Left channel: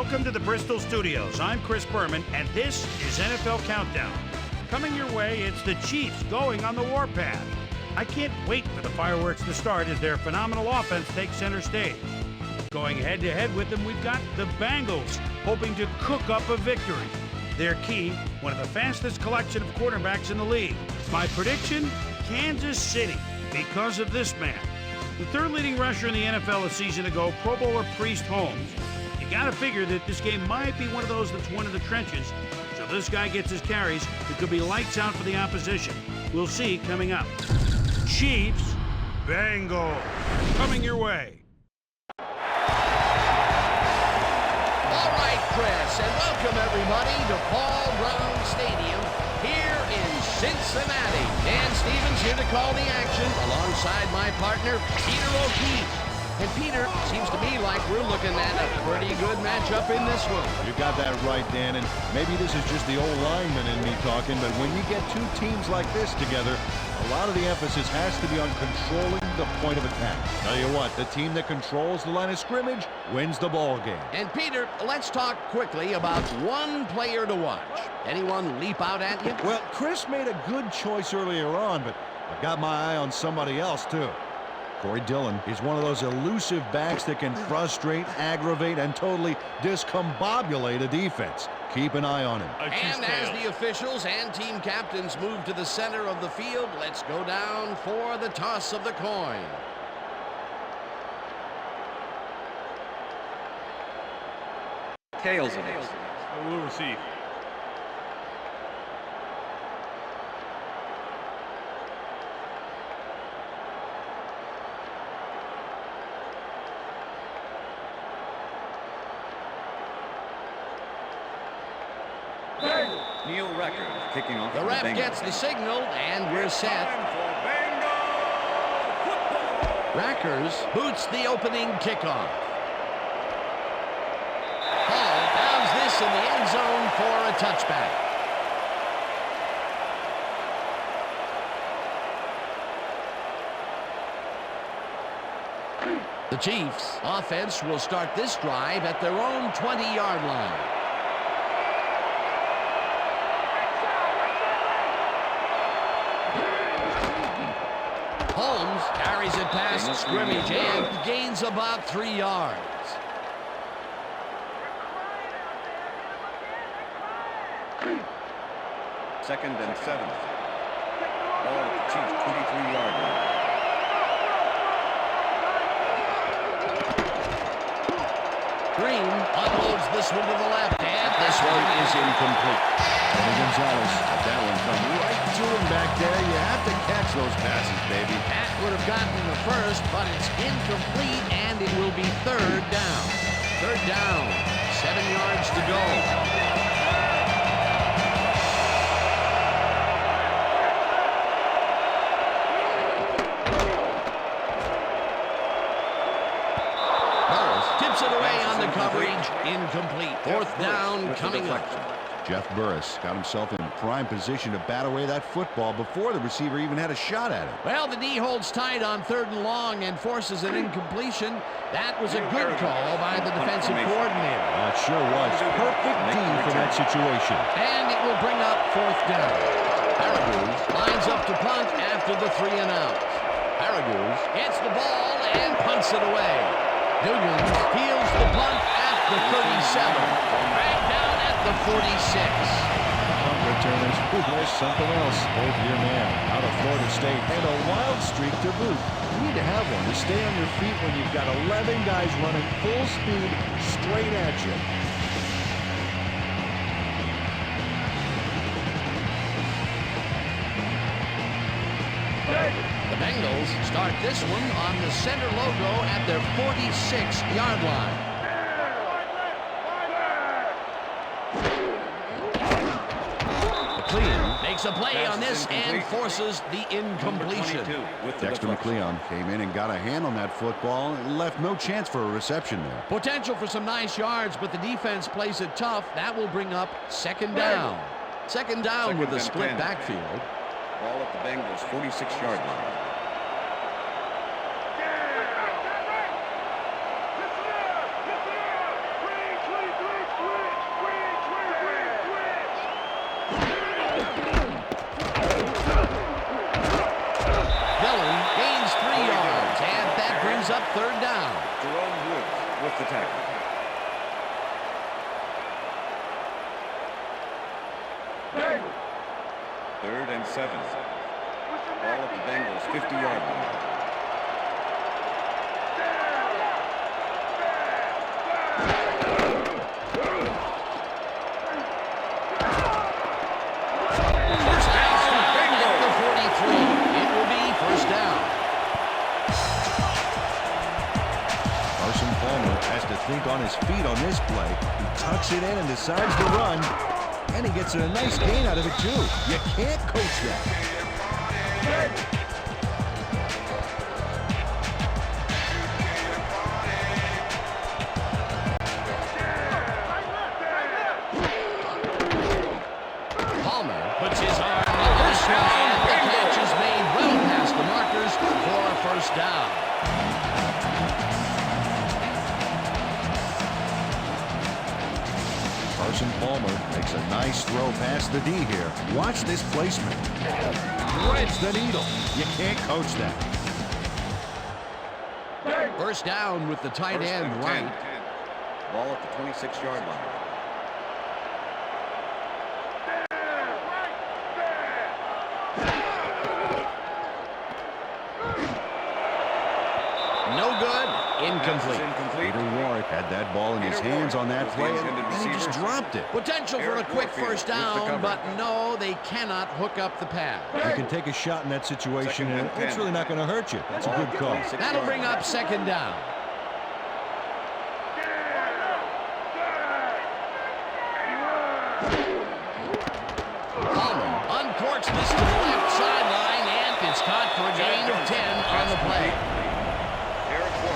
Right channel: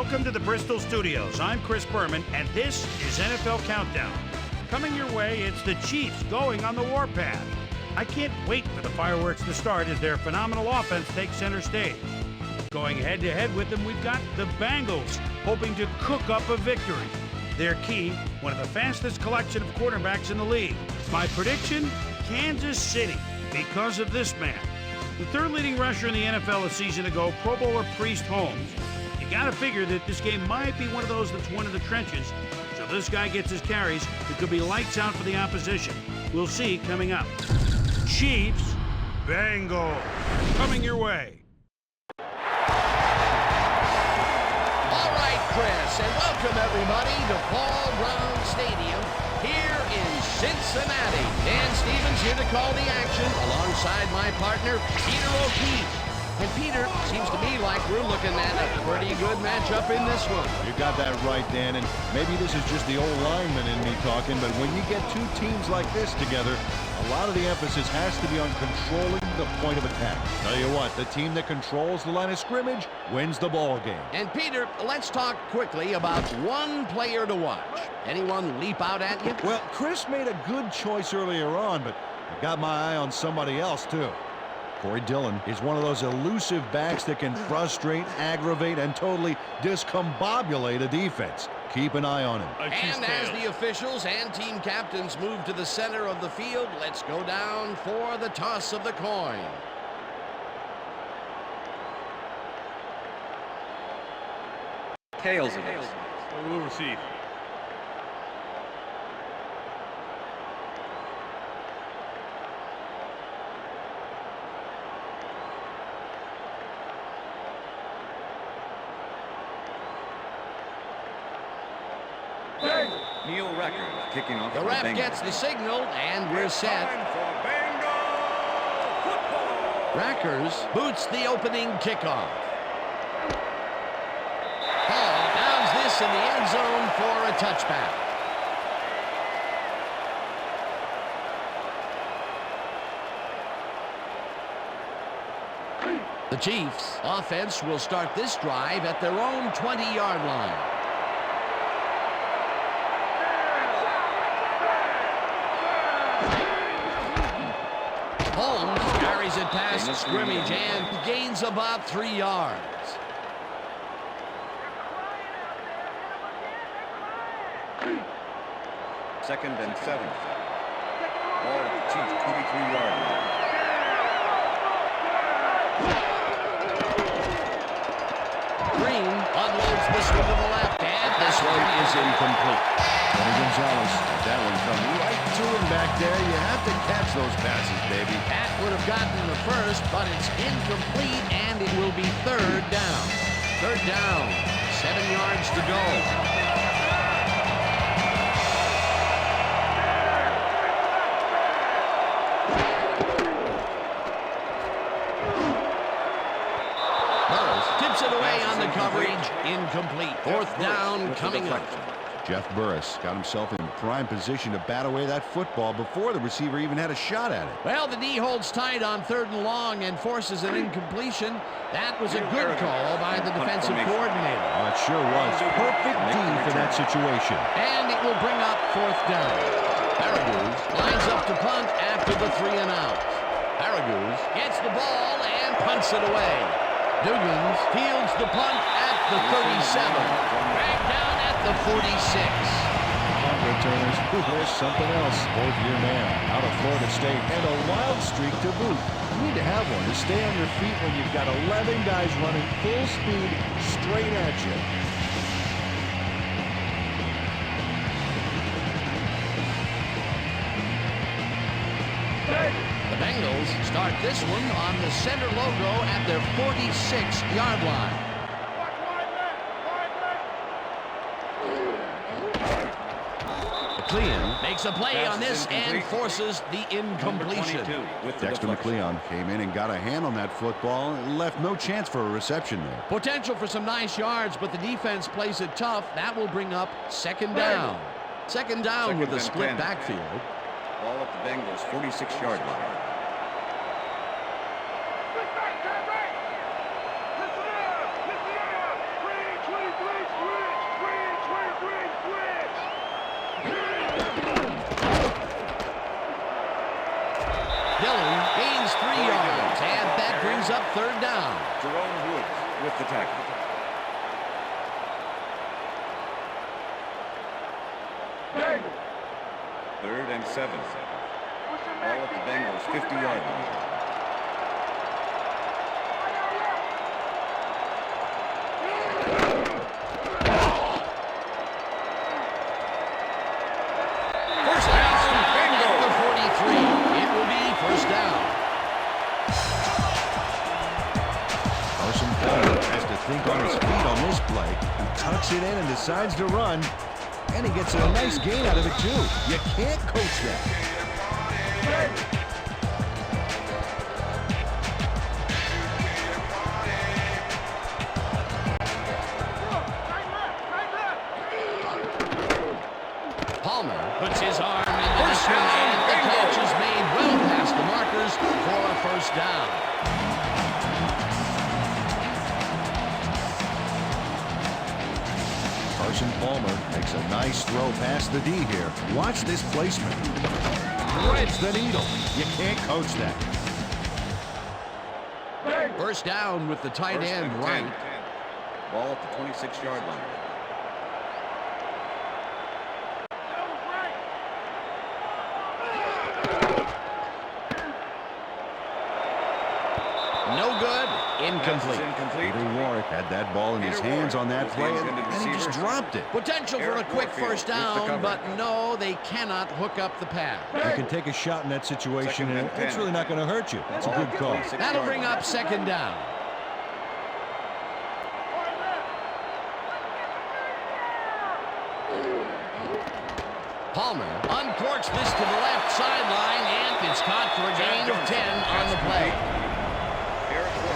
Welcome to the Bristol Studios. I'm Chris Berman, and this is NFL Countdown. Coming your way, it's the Chiefs going on the warpath. I can't wait for the fireworks to start as their phenomenal offense takes center stage. Going head-to-head with them, we've got the Bengals, hoping to cook up a victory. Their key, one of the fastest collection of quarterbacks in the league. My prediction, Kansas City, because of this man. The third leading rusher in the NFL a season ago, Pro Bowler Priest Holmes. You gotta figure that this game might be one of those that's won in the trenches, so this guy gets his carries. It could be lights out for the opposition. We'll see coming up. Chiefs, Bengals, coming your way. All right, Chris, and welcome everybody to Paul Brown Stadium here in Cincinnati. Dan Stevens here to call the action alongside my partner, Peter O'Keefe. And Peter, seems to me like we're looking at a pretty good matchup in this one. You got that right, Dan, and maybe this is just the old lineman in me talking, but when you get two teams like this together, a lot of the emphasis has to be on controlling the point of attack. Tell you what, the team that controls the line of scrimmage wins the ball game. And Peter, let's talk quickly about one player to watch. Anyone leap out at you? Well, Chris made a good choice earlier on, but I've got my eye on somebody else, too. Corey Dillon is one of those elusive backs that can frustrate, aggravate, and totally discombobulate a defense. Keep an eye on him. And as the officials and team captains move to the center of the field, let's go down for the toss of the coin. Tails it is. I will receive. Neil Record kicking off. The ref gets the signal, and we're set. Time for Bengal football. Rackers boots the opening kickoff. Hall downs this in the end zone for a touchback. The Chiefs' offense will start this drive at their own 20-yard line. Holmes carries it past scrimmage and gains about 3 yards. Second and 7. Ball at the Chiefs' 23-yard line. Green unloads this one to the left, and this one is incomplete. Tony Gonzalez let that one come right to him back there. You have to catch those passes, baby. That would have gotten the first, but it's incomplete, and it will be third down. Third down, 7 yards to go. Tips it away on the coverage. Incomplete. Fourth down coming up. Jeff Burris got himself in prime position to bat away that football before the receiver even had a shot at it. Well, the D holds tight on 3rd and long and forces an incompletion. That was a good call by the defensive coordinator. It sure was. Perfect D for that situation. And it will bring up 4th down. Araguz lines up to punt after the 3 and out. Araguz gets the ball and punts it away. Dugans fields the punt at the 37. Dragged down at the 46. Punt returners, there's something else. Both year man out of Florida State and a wild streak to boot. You need to have one to stay on your feet when you've got 11 guys running full speed straight at you. The Bengals start this one on the center logo at their 46-yard line. McLeon makes a play on this and forces the incompletion. Dexter McLeon came in and got a hand on that football and left no chance for a reception there. Potential for some nice yards, but the defense plays it tough. That will bring up 2nd down. Second down with a split backfield. Ball at the Bengals' 46-yard line. Listen up! 323! Dillon gains 3 yards, and that brings up 3rd down. Jerome Woods with the tackle. Third and 7. Ball at the Bengals 50-yard line. First down at the 43. It will be 1st down. Carson Palmer has to think on his feet on this play. He tucks it in and decides to run. And he gets a nice gain out of it, too. You can't coach that. Palmer puts his arm into this one, and the catch is made well past the markers for a 1st down. Carson Palmer makes a nice throw past the D here. Watch this placement. Threads the needle. You can't coach that. 1st down with the tight end right. Ball at the 26-yard line. No good. Incomplete. Peter Warwick had that ball in his hands on that play, and he just dropped it. Potential for a quick 1st down, but no, they cannot hook up the pass. You can take a shot in that situation, and it's really not going to hurt you. That's a good call. That'll bring up 2nd down. Palmer uncorks this to the left sideline, and it's caught for a gain of 10 on the play.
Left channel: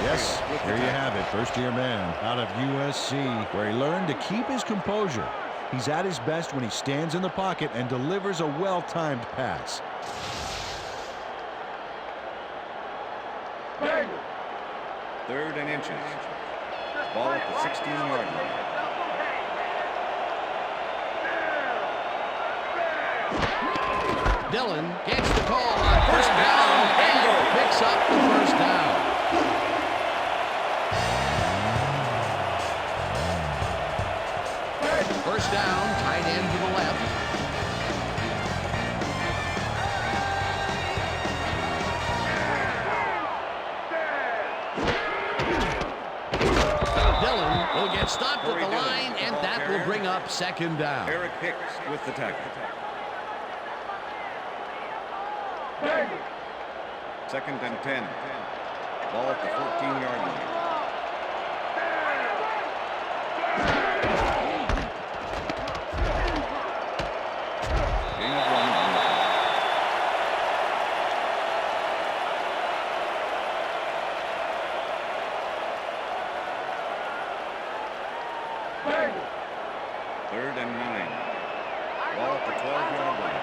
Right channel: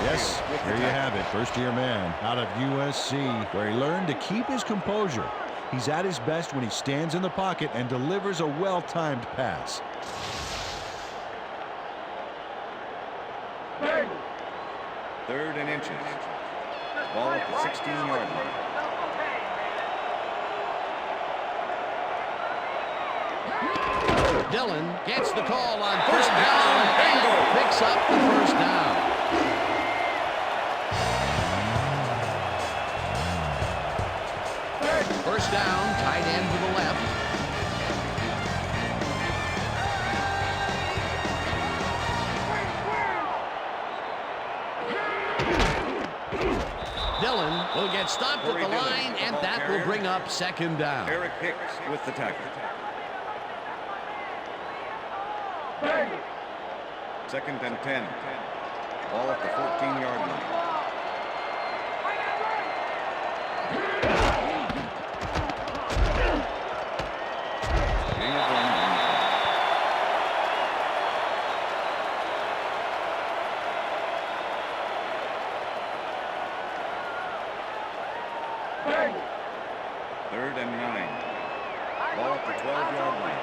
Yes, here you have it. First-year man out of USC, where he learned to keep his composure. He's at his best when he stands in the pocket and delivers a well-timed pass. Third and inches. Ball at the 16-yard line. Dillon gets the call on 1st down and picks up the 1st down. First down, tight end to the left. Dillon will get stopped at the line, and that will bring up 2nd down. Eric Hicks with the tackle. 2nd and 10. Ball at the 14-yard line. Gain of 1. Third and 9. Ball at the 12-yard line.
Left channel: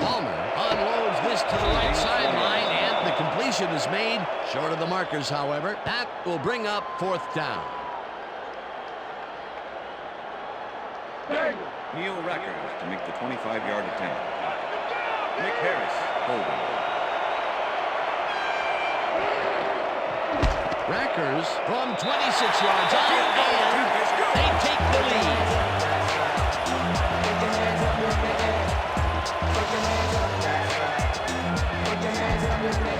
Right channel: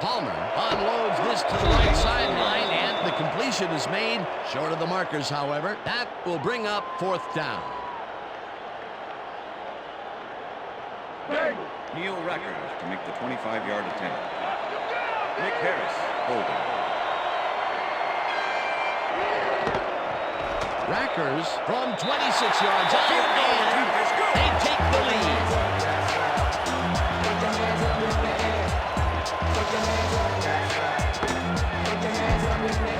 Palmer unloads this to the right sideline, and the completion is made short of the markers, however. That will bring up 4th down. Neil Rackers to make the 25-yard attempt. Nick Harris holding. Rackers from 26 yards out, and they take the lead.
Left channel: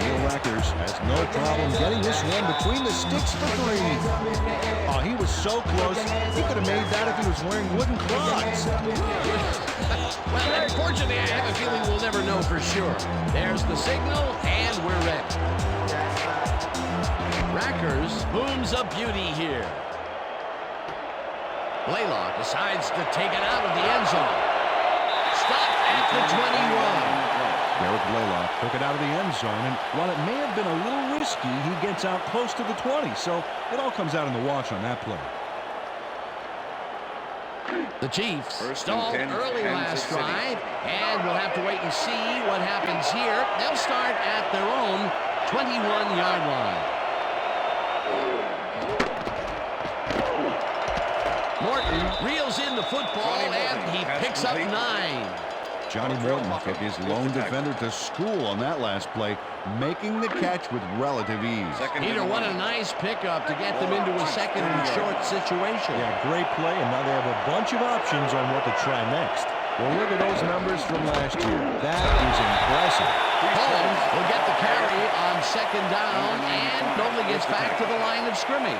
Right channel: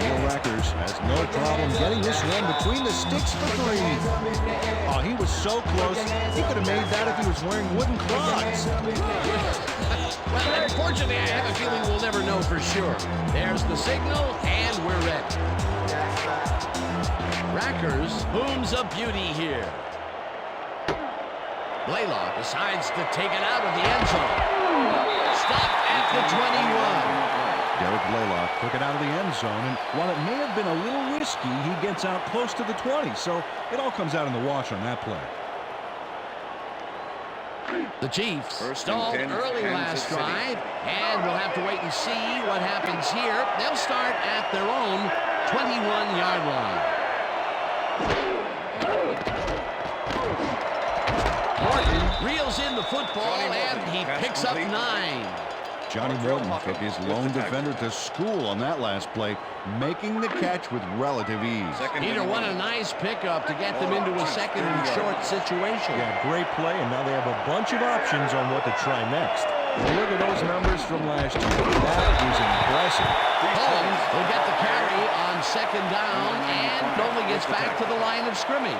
Neil Rackers has no problem getting this one between the sticks for 3. Oh, he was so close. He could have made that if he was wearing wooden clogs. Well, unfortunately, I have a feeling we'll never know for sure. There's the signal, and we're ready. Rackers booms a beauty here. Blaylock decides to take it out of the end zone. Stopped at the 21. Derek Blaylock took it out of the end zone, and while it may have been a little risky, he gets out close to the 20, so it all comes out in the wash on that play. The Chiefs stalled early last drive, and we'll have to wait and see what happens here. They'll start at their own 21-yard line. Morton reels in the football, and he picks up 9. Johnny Morton took his lone defender to school on that last play, making the catch with relative ease. Peter, what a nice pickup to get them into a second and short situation. Yeah, great play, and now they have a bunch of options on what to try next. Well, look at those numbers from last year. That is impressive. Holmes will get the carry on second down and only gets back to the line of scrimmage.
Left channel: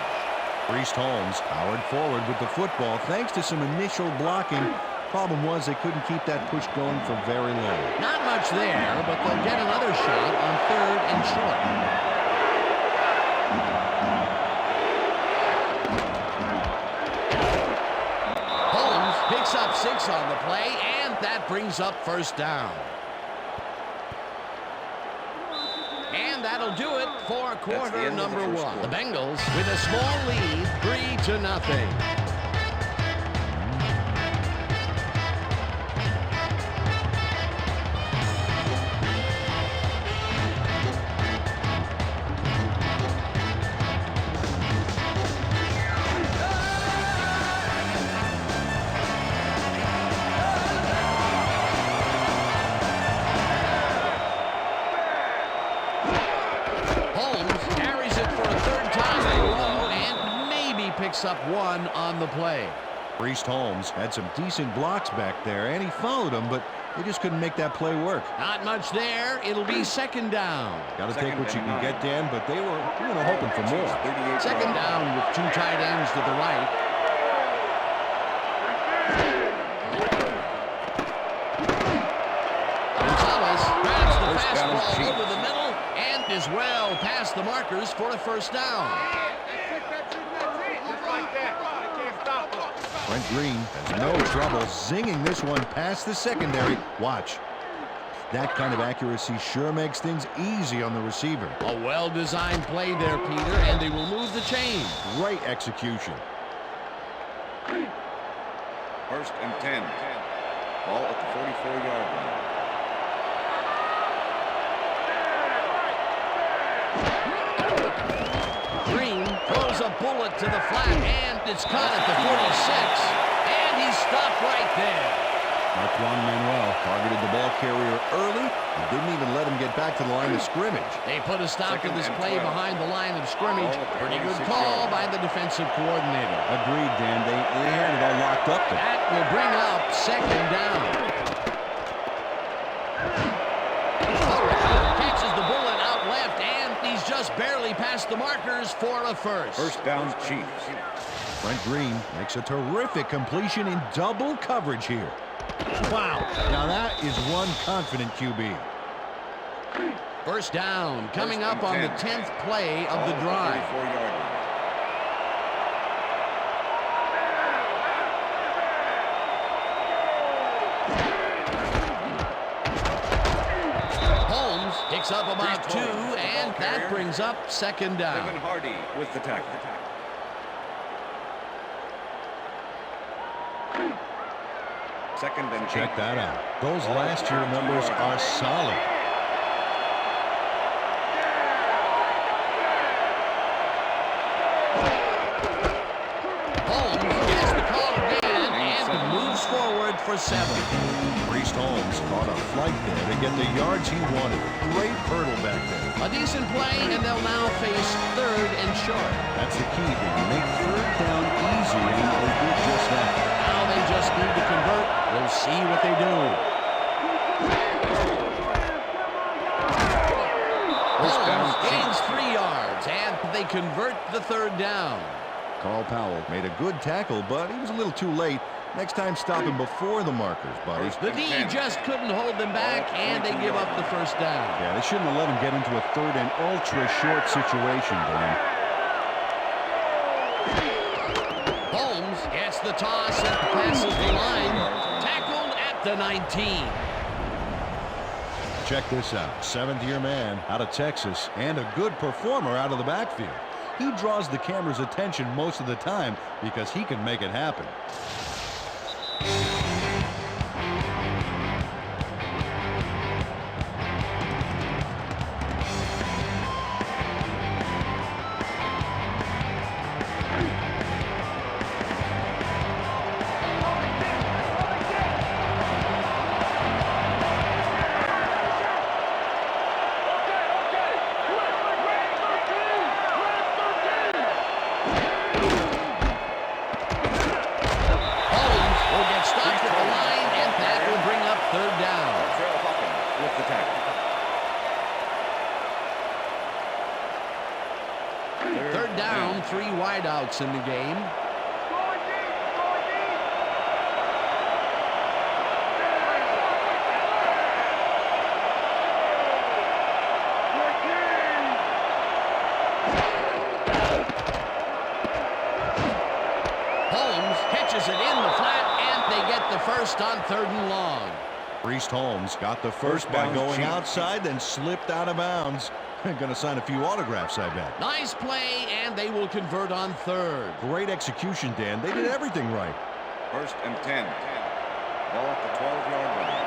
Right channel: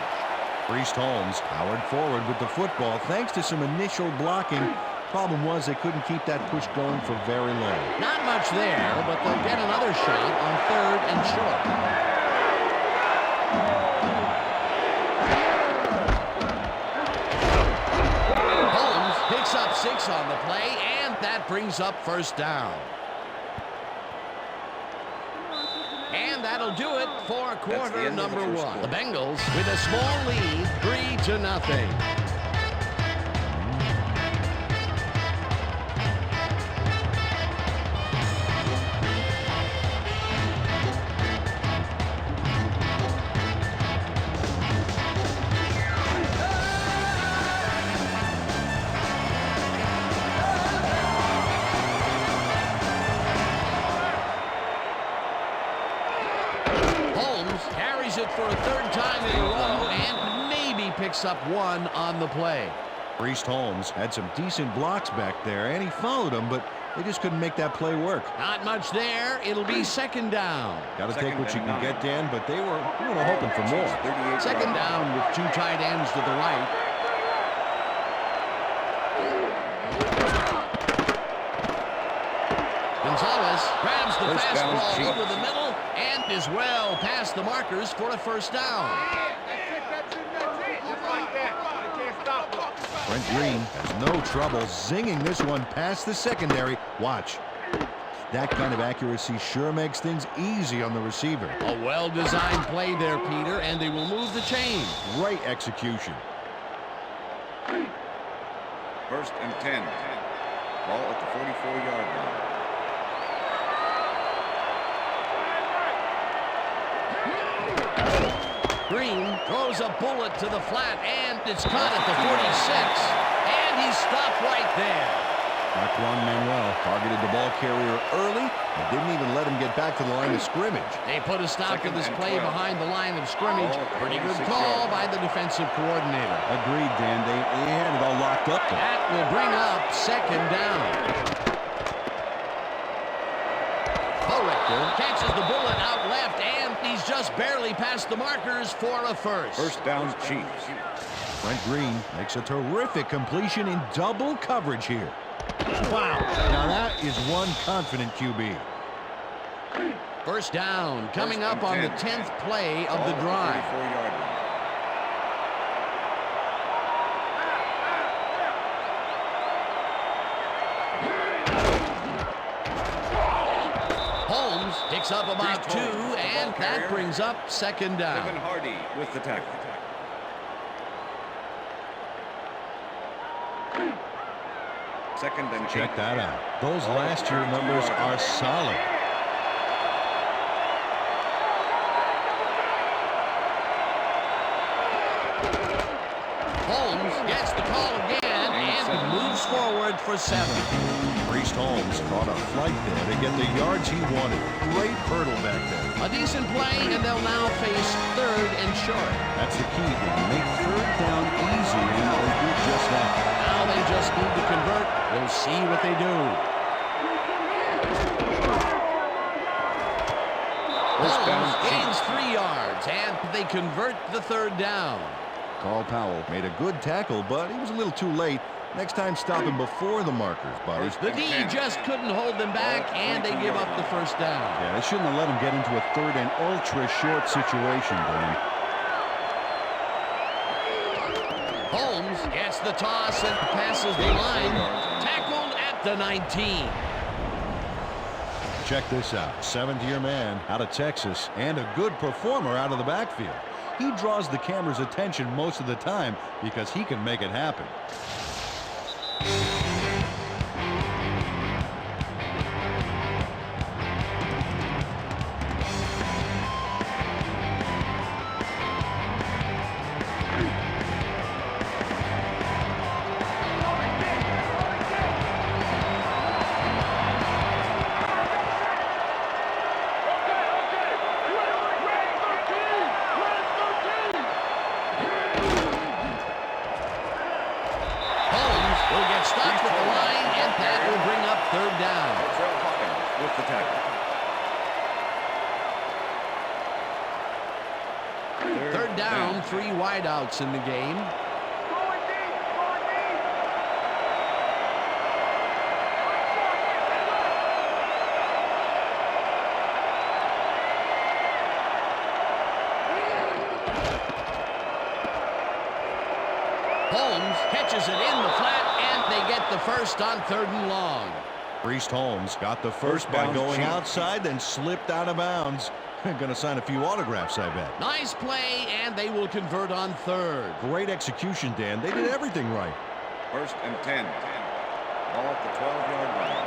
Priest Holmes powered forward with the football thanks to some initial blocking. Problem was they couldn't keep that push going for very long. Not much there, but they'll get another shot on third and short. Holmes picks up 6 on the play, and that brings up first down. And that'll do it for quarter number 1. The Bengals with a small lead, 3-0. For a third time in a row, and maybe picks up 1 on the play. Priest Holmes had some decent blocks back there, and he followed them, but they just couldn't make that play work. Not much there. It'll be second down. Got to take what you can get, Dan, but they were hoping for more. Second down with 2 tight ends to the right. Gonzalez grabs the fastball over the middle and is well past the markers for a first down. Brent Green has no trouble zinging this one past the secondary. Watch. That kind of accuracy sure makes things easy on the receiver. A well-designed play there, Peter, and they will move the chain. Great execution. First and 10. Ball at the 44-yard line. Green throws a bullet to the flat, and it's caught at the 46, and he's stopped right there. Marquand Manuel targeted the ball carrier early and didn't even let him get back to the line of scrimmage. They put a stop to this play behind the line of scrimmage. Pretty good call by the defensive coordinator. Agreed, Dan. They had it all locked up there. That will bring up second down. Catches the bullet out left, and he's just barely past the markers for a first. First down, Chiefs. Brent Green makes a terrific completion in double coverage here. Wow. Now that is one confident QB. First down coming up on the 10th play of the drive. 44-yard line. Picks up about 2, and that brings up second down. Kevin Hardy with the tackle. Second and 8. Check that out. Those last year numbers are solid. Holmes gets the call again and moves forward for 7. Priest Holmes caught a flight there to get the yards he wanted. Great hurdle back there. A decent play, and they'll now face third and short. That's the key, Dan. Make third down easy, and they did just that. Now they just need to convert. We'll see what they do. Holmes gains 3 yards, and they convert the third down. Carl Powell made a good tackle, but he was a little too late. Next time, stop him before the markers, buddy. The D just couldn't hold them back, and they give up the first down. Yeah, they shouldn't have let him get into a third and ultra-short situation, Dan. Holmes gets the toss and passes the line. Tackled at the 19. Check this out. 7th-year man out of Texas and a good performer out of the backfield. He draws the camera's attention most of the time because he can make it happen. will get stopped at the line, and that will bring up third down. Trail Hawkins with the tackle. Third down, 3 wideouts in the game. Going deep, going deep. Holmes catches it in the flat, and they get the first on 3rd and long. Priest Holmes got the first by going outside, then slipped out of bounds. Going to sign a few autographs, I bet. Nice play, and they will convert on 3rd. Great execution, Dan. They did everything right. 1st and 10. Ball at the 12-yard line.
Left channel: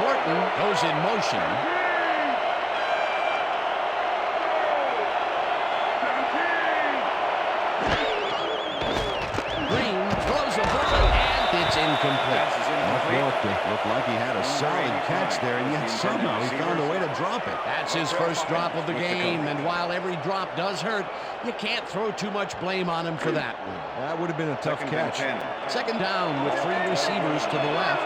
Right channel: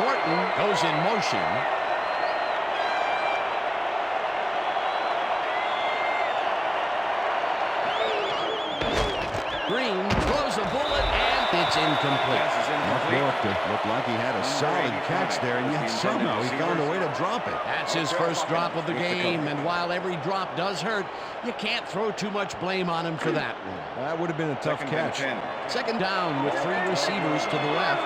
Morton goes in motion. Green throws a bullet, and it's incomplete. Mark Morton looked like he had a solid catch there, and yet somehow he found a way to drop it. That's his first drop of the game, and while every drop does hurt, you can't throw too much blame on him for that one. That would have been a tough catch. 2nd down with 3 receivers to the left.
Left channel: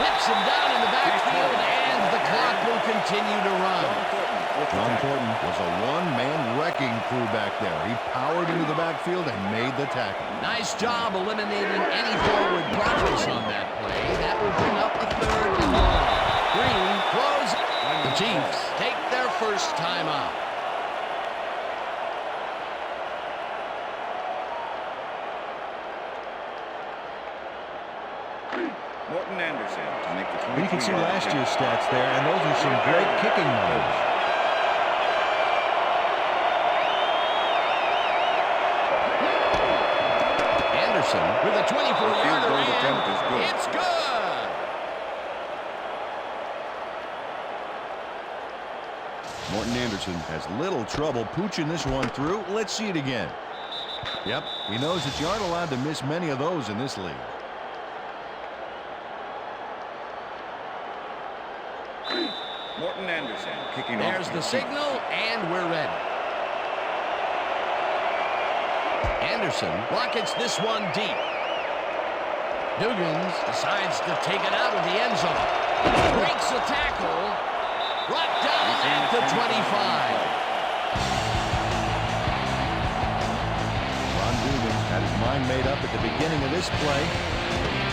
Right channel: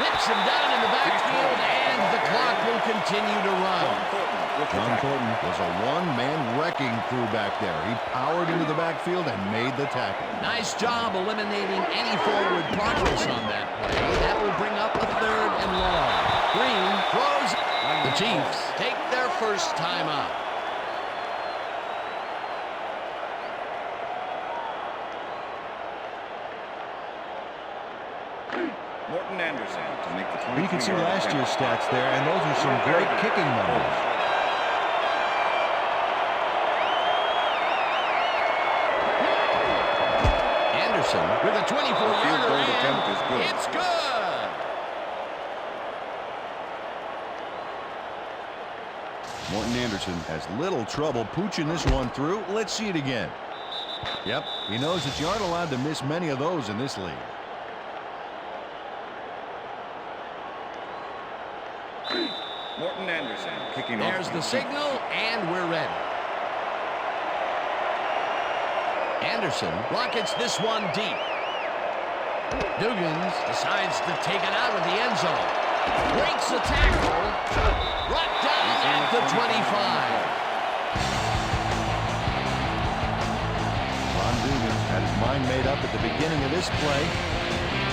Rips him down in the backfield, and the clock will continue to run. John Thornton was a one-man wrecking crew back there. He powered into the backfield and made the tackle. Nice job eliminating any forward progress on that play. That will bring up a 3rd and long. Green throws. The Chiefs take their first timeout. Morton Anderson to make the 23-yard You can see last year's stats there, and those are some great kicking numbers. Anderson with a 24-yarder, goal attempt is good. It's good. Morton Anderson has little trouble pooching this one through. Let's see it again. Yep, he knows that you aren't allowed to miss many of those in this league. Morton Anderson kicking off. There's the signal, and we're ready. Anderson rockets this one deep. Dugans decides to take it out of the end zone. Breaks the tackle. Brought down at the 25. Ron Dugans had his mind made up at the beginning of this play.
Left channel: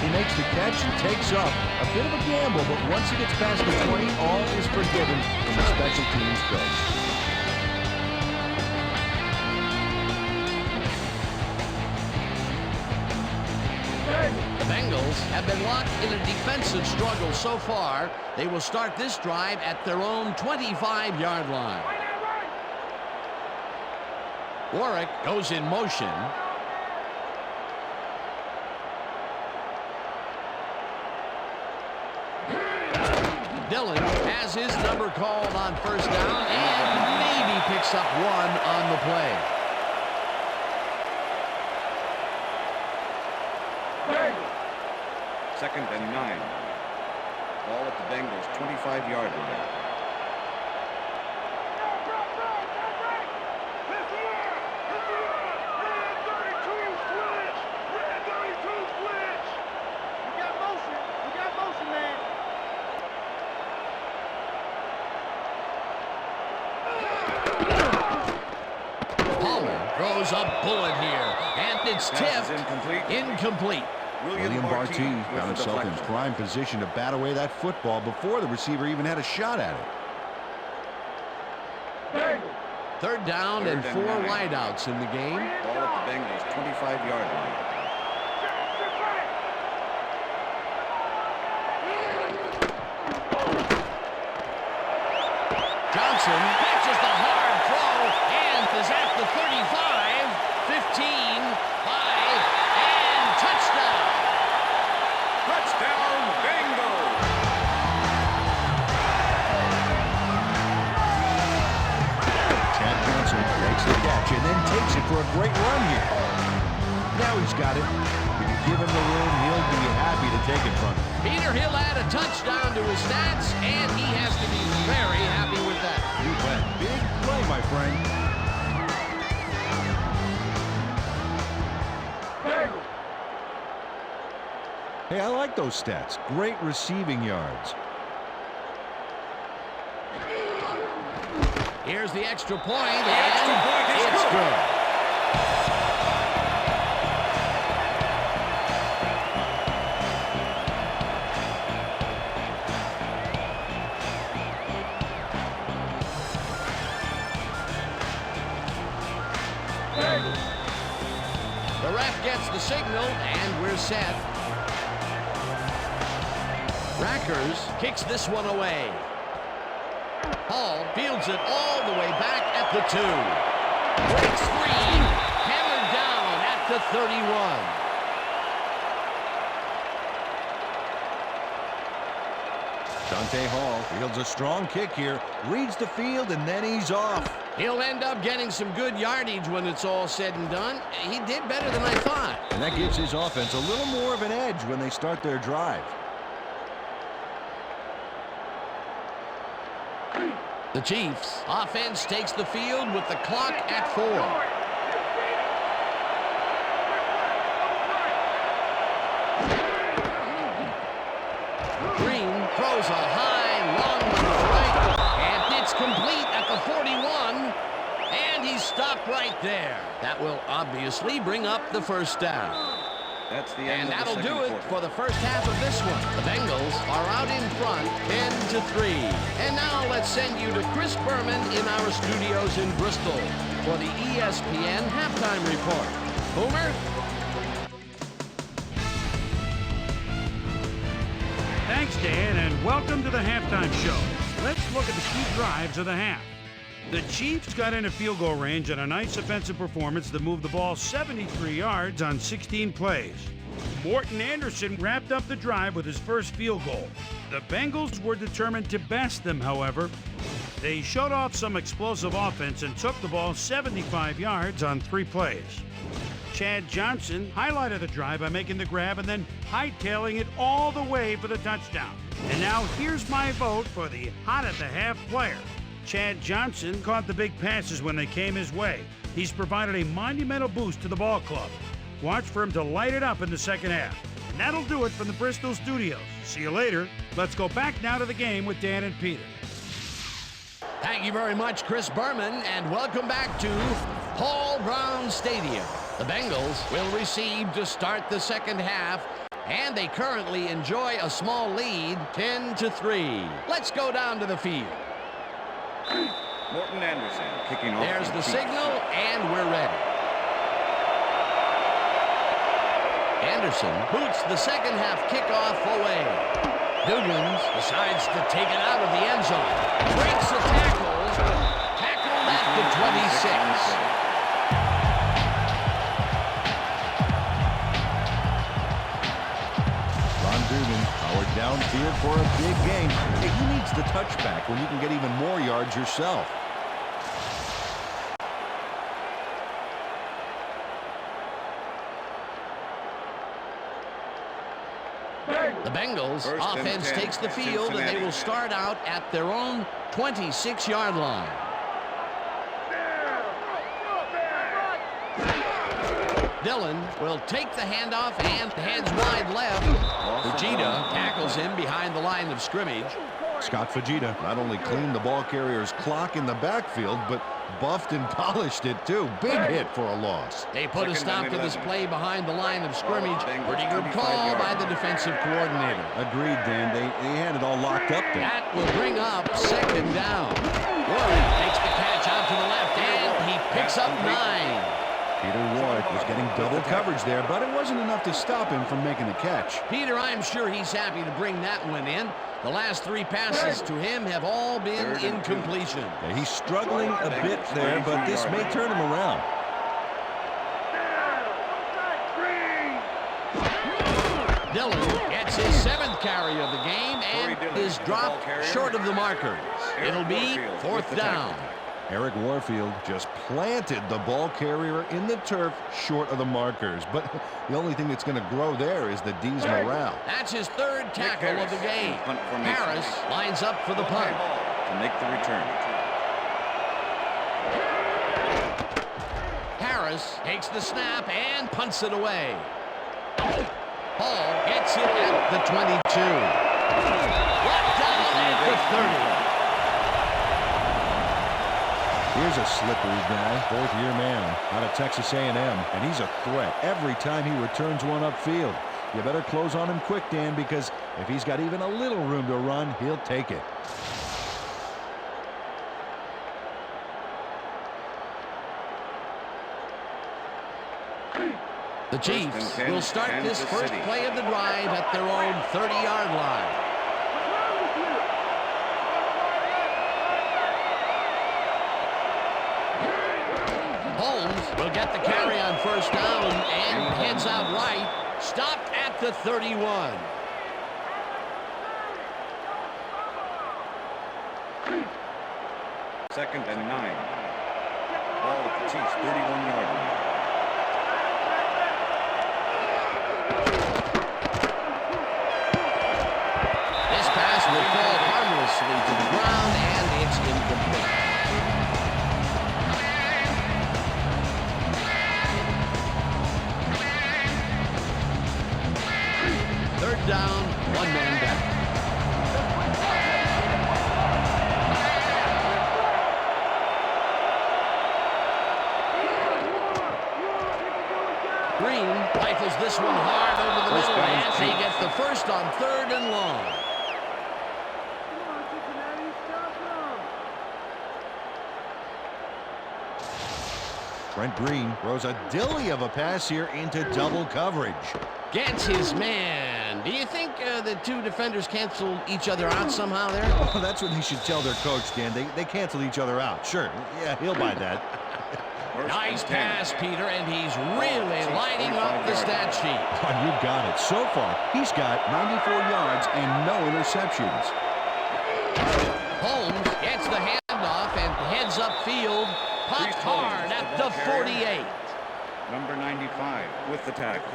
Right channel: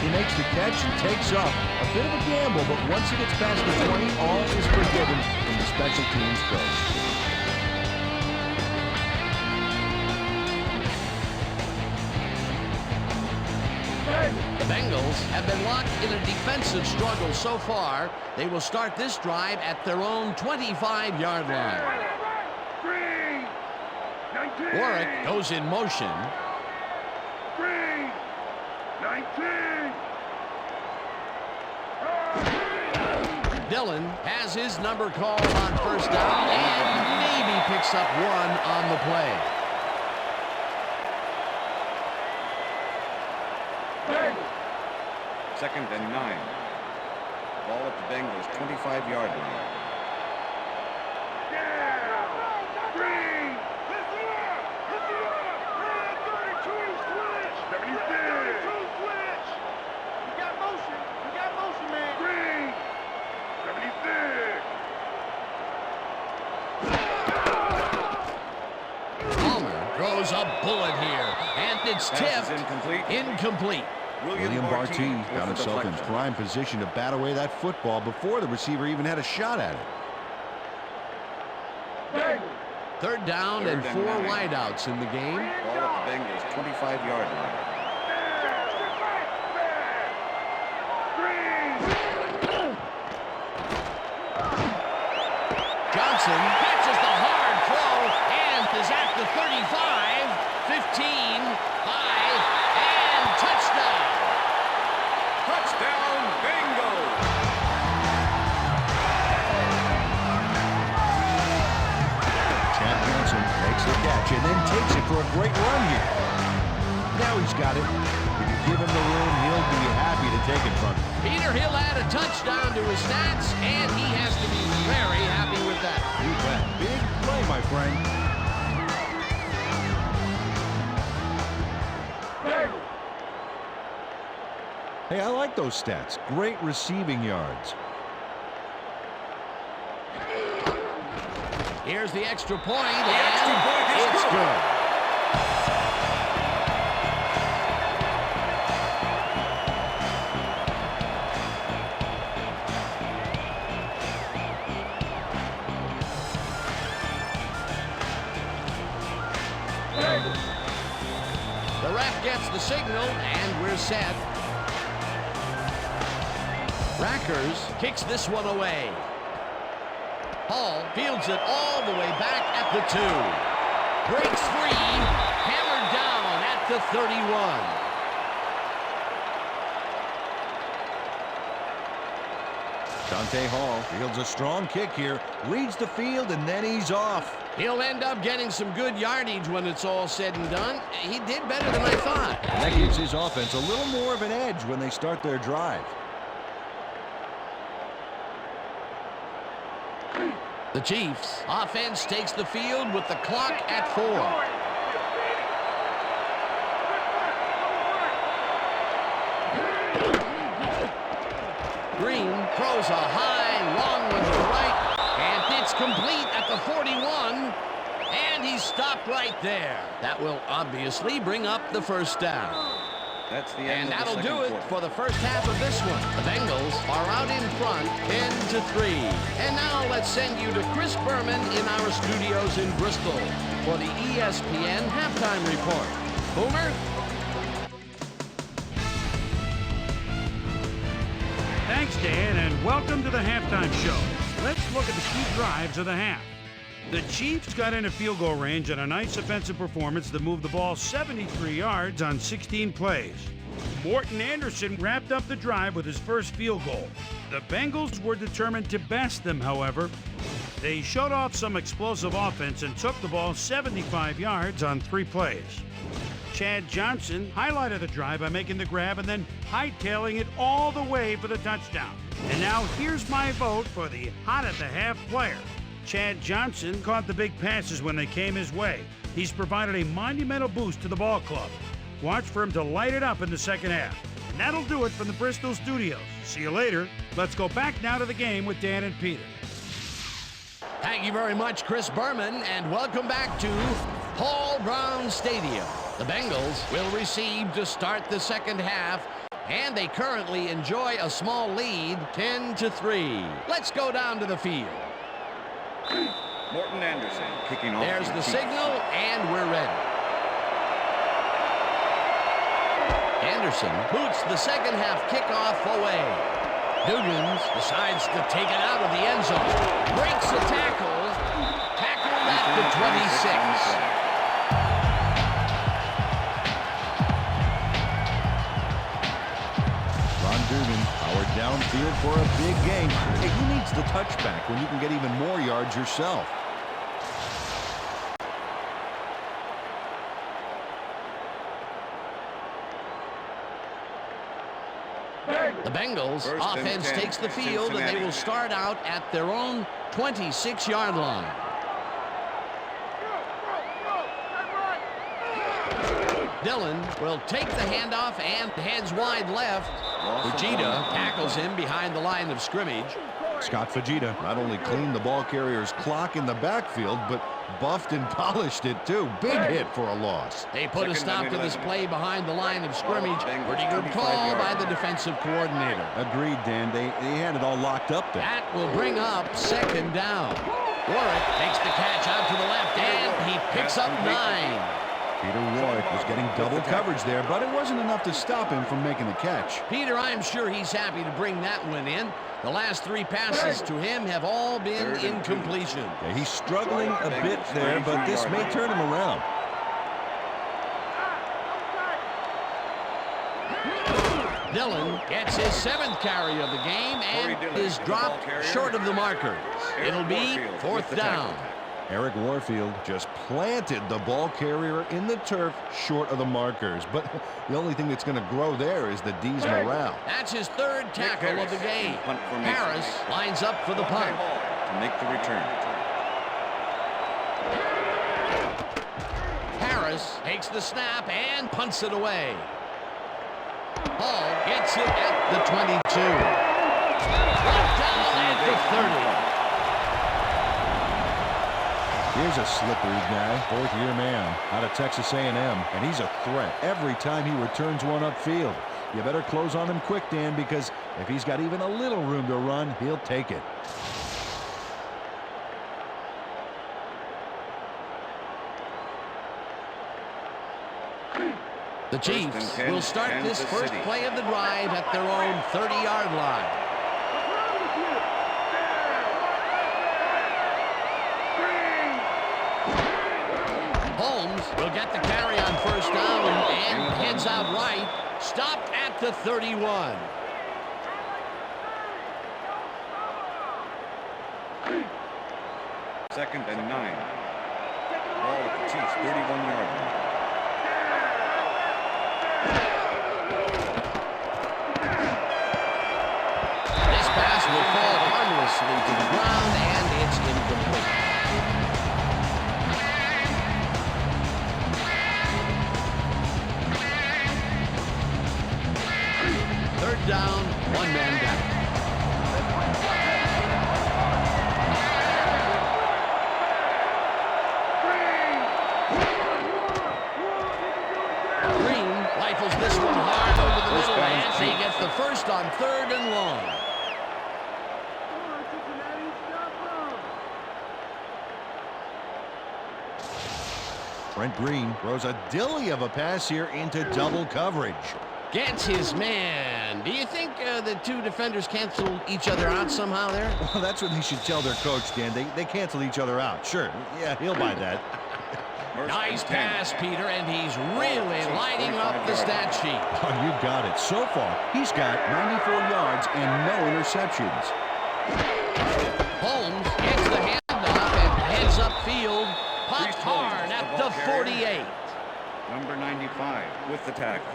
He makes the catch and takes up. A bit of a gamble, but once he gets past the 20, all is forgiven from the special teams coach. The Bengals have been locked in a defensive struggle so far. They will start this drive at their own 25-yard line. Warwick goes in motion. Dillon has his number called on 1st down and maybe picks up 1 on the play. Second and 9. Ball at the Bengals 25-yard line. Throws a bullet here, and it's tipped. Incomplete. William Barty got himself in prime position to bat away that football before the receiver even had a shot at it. 3rd down and 4 wideouts in the game. Ball at the Bengals 25-yard line. Johnson catches the hard throw and is at the 35, 15, 5, and touchdown. Touchdown, Bengals. Chad Johnson makes the catch and then takes it for a great run here. Now he's got it. If he give him the room, he'll be happy to take it from him. Peter, he'll add a touchdown to his stats, and he has to be very happy with that. You bet. Big play, my friend. Hey, I like those stats. Great receiving yards. Here's the extra point, and it's good. The ref gets the signal, and we're set. Rackers kicks this one away. Hall fields it all the way back at the 2. Breaks free, hammered down at the 31. Dante Hall fields a strong kick here, reads the field, and then he's off. He'll end up getting some good yardage when it's all said and done. He did better than I thought. And that gives his offense a little more of an edge when they start their drive. The Chiefs' offense takes the field with the clock at 4. Green throws a high, long one to the right, and it's complete at the 41, and he's stopped right there. That will obviously bring up the first down. That's the And end of the that'll do it quarter. for the first half of this one. The Bengals are out in front, 10-3. And now let's send you to Chris Berman in our studios in Bristol for the ESPN halftime report. Boomer? Thanks, Dan, and welcome to the halftime show. Let's look at the key drives of the half. The Chiefs got in a field goal range on a nice offensive performance that moved the ball 73 yards on 16 plays. Morton Anderson wrapped up the drive with his first field goal. The Bengals were determined to best them, however. They showed off some explosive offense and took the ball 75 yards on 3 plays. Chad Johnson highlighted the drive by making the grab and then hightailing it all the way for the touchdown. And now here's my vote for the hot at the half player. Chad Johnson caught the big passes when they came his way. He's provided a monumental boost to the ball club. Watch for him to light it up in the second half. And that'll do it from the Bristol studios. See you later. Let's go back now to the game with Dan and Peter. Thank you very much, Chris Berman, and welcome back to Paul Brown Stadium. The Bengals will receive to start the second half, and they currently enjoy a small lead, 10-3. Let's go down to the field. Morton Anderson kicking off. There's the signal, and we're ready. Anderson boots the second half kickoff away. Dugans decides to take it out of the end zone. Breaks a tackle. Tackled at the 26. Ron Dugan powered downfield for a big gain. Hey, who needs the touchback when you can get even more yards yourself? The Bengals offense takes the field, and they will start out at their own 26-yard line. Dillon will take the handoff and heads wide left. Fujita tackles him behind the line of scrimmage. Scott Fujita not only cleaned the ball carrier's clock in the backfield, but buffed and polished it too. Big hit for a loss. They put a stop to this play behind the line of scrimmage. Pretty good call by the defensive coordinator. Agreed, Dan. They had it all locked up there. That will bring up second down. Warren takes the catch out to the left, and he picks up 9. Peter Warwick was getting double coverage there, but it wasn't enough to stop him from making the catch. Peter, I'm sure he's happy to bring that one in. The last 3 passes to him have all been incompletion. Yeah, he's struggling a bit there, but this may turn him around. Dillon gets his 7th carry of the game and is dropped short of the markers. It'll be 4th down. Eric Warfield just planted the ball carrier in the turf short of the markers. But the only thing that's going to grow there is the D's morale. That's his third tackle of the game. Harris lines up for the punt. To make the return. Harris takes the snap and punts it away. Hall gets it at the 22. Brought down at the 30. Here's a slippery guy, fourth-year man out of Texas A&M, and he's a threat every time he returns one upfield. You better close on him quick, Dan, because if he's got even a little room to run, he'll take it. The Chiefs will start this first play of the drive at their own 30-yard line. Holmes will get the carry on first down and heads out right. Stopped at the 31. Second and 9. Ball at the Chiefs' 31-yard line. This pass will fall harmlessly to the ground, and it's incomplete. Third down, one man back. Green rifles this one hard over the middle, and he gets the first on third and long. Brent Green throws a dilly of a pass here into double coverage. Gets his man. Do you think the two defenders canceled each other out somehow there? Well, that's what they should tell their coach, Dan. They cancel each other out. Sure. Yeah, he'll buy that. Nice pass, Peter, and he's really lighting up the stat sheet. Oh, you got it. So far, he's got 94 yards and no interceptions. Holmes gets the handoff and heads upfield. Popped hard at the 48. Number 95 with the tackle.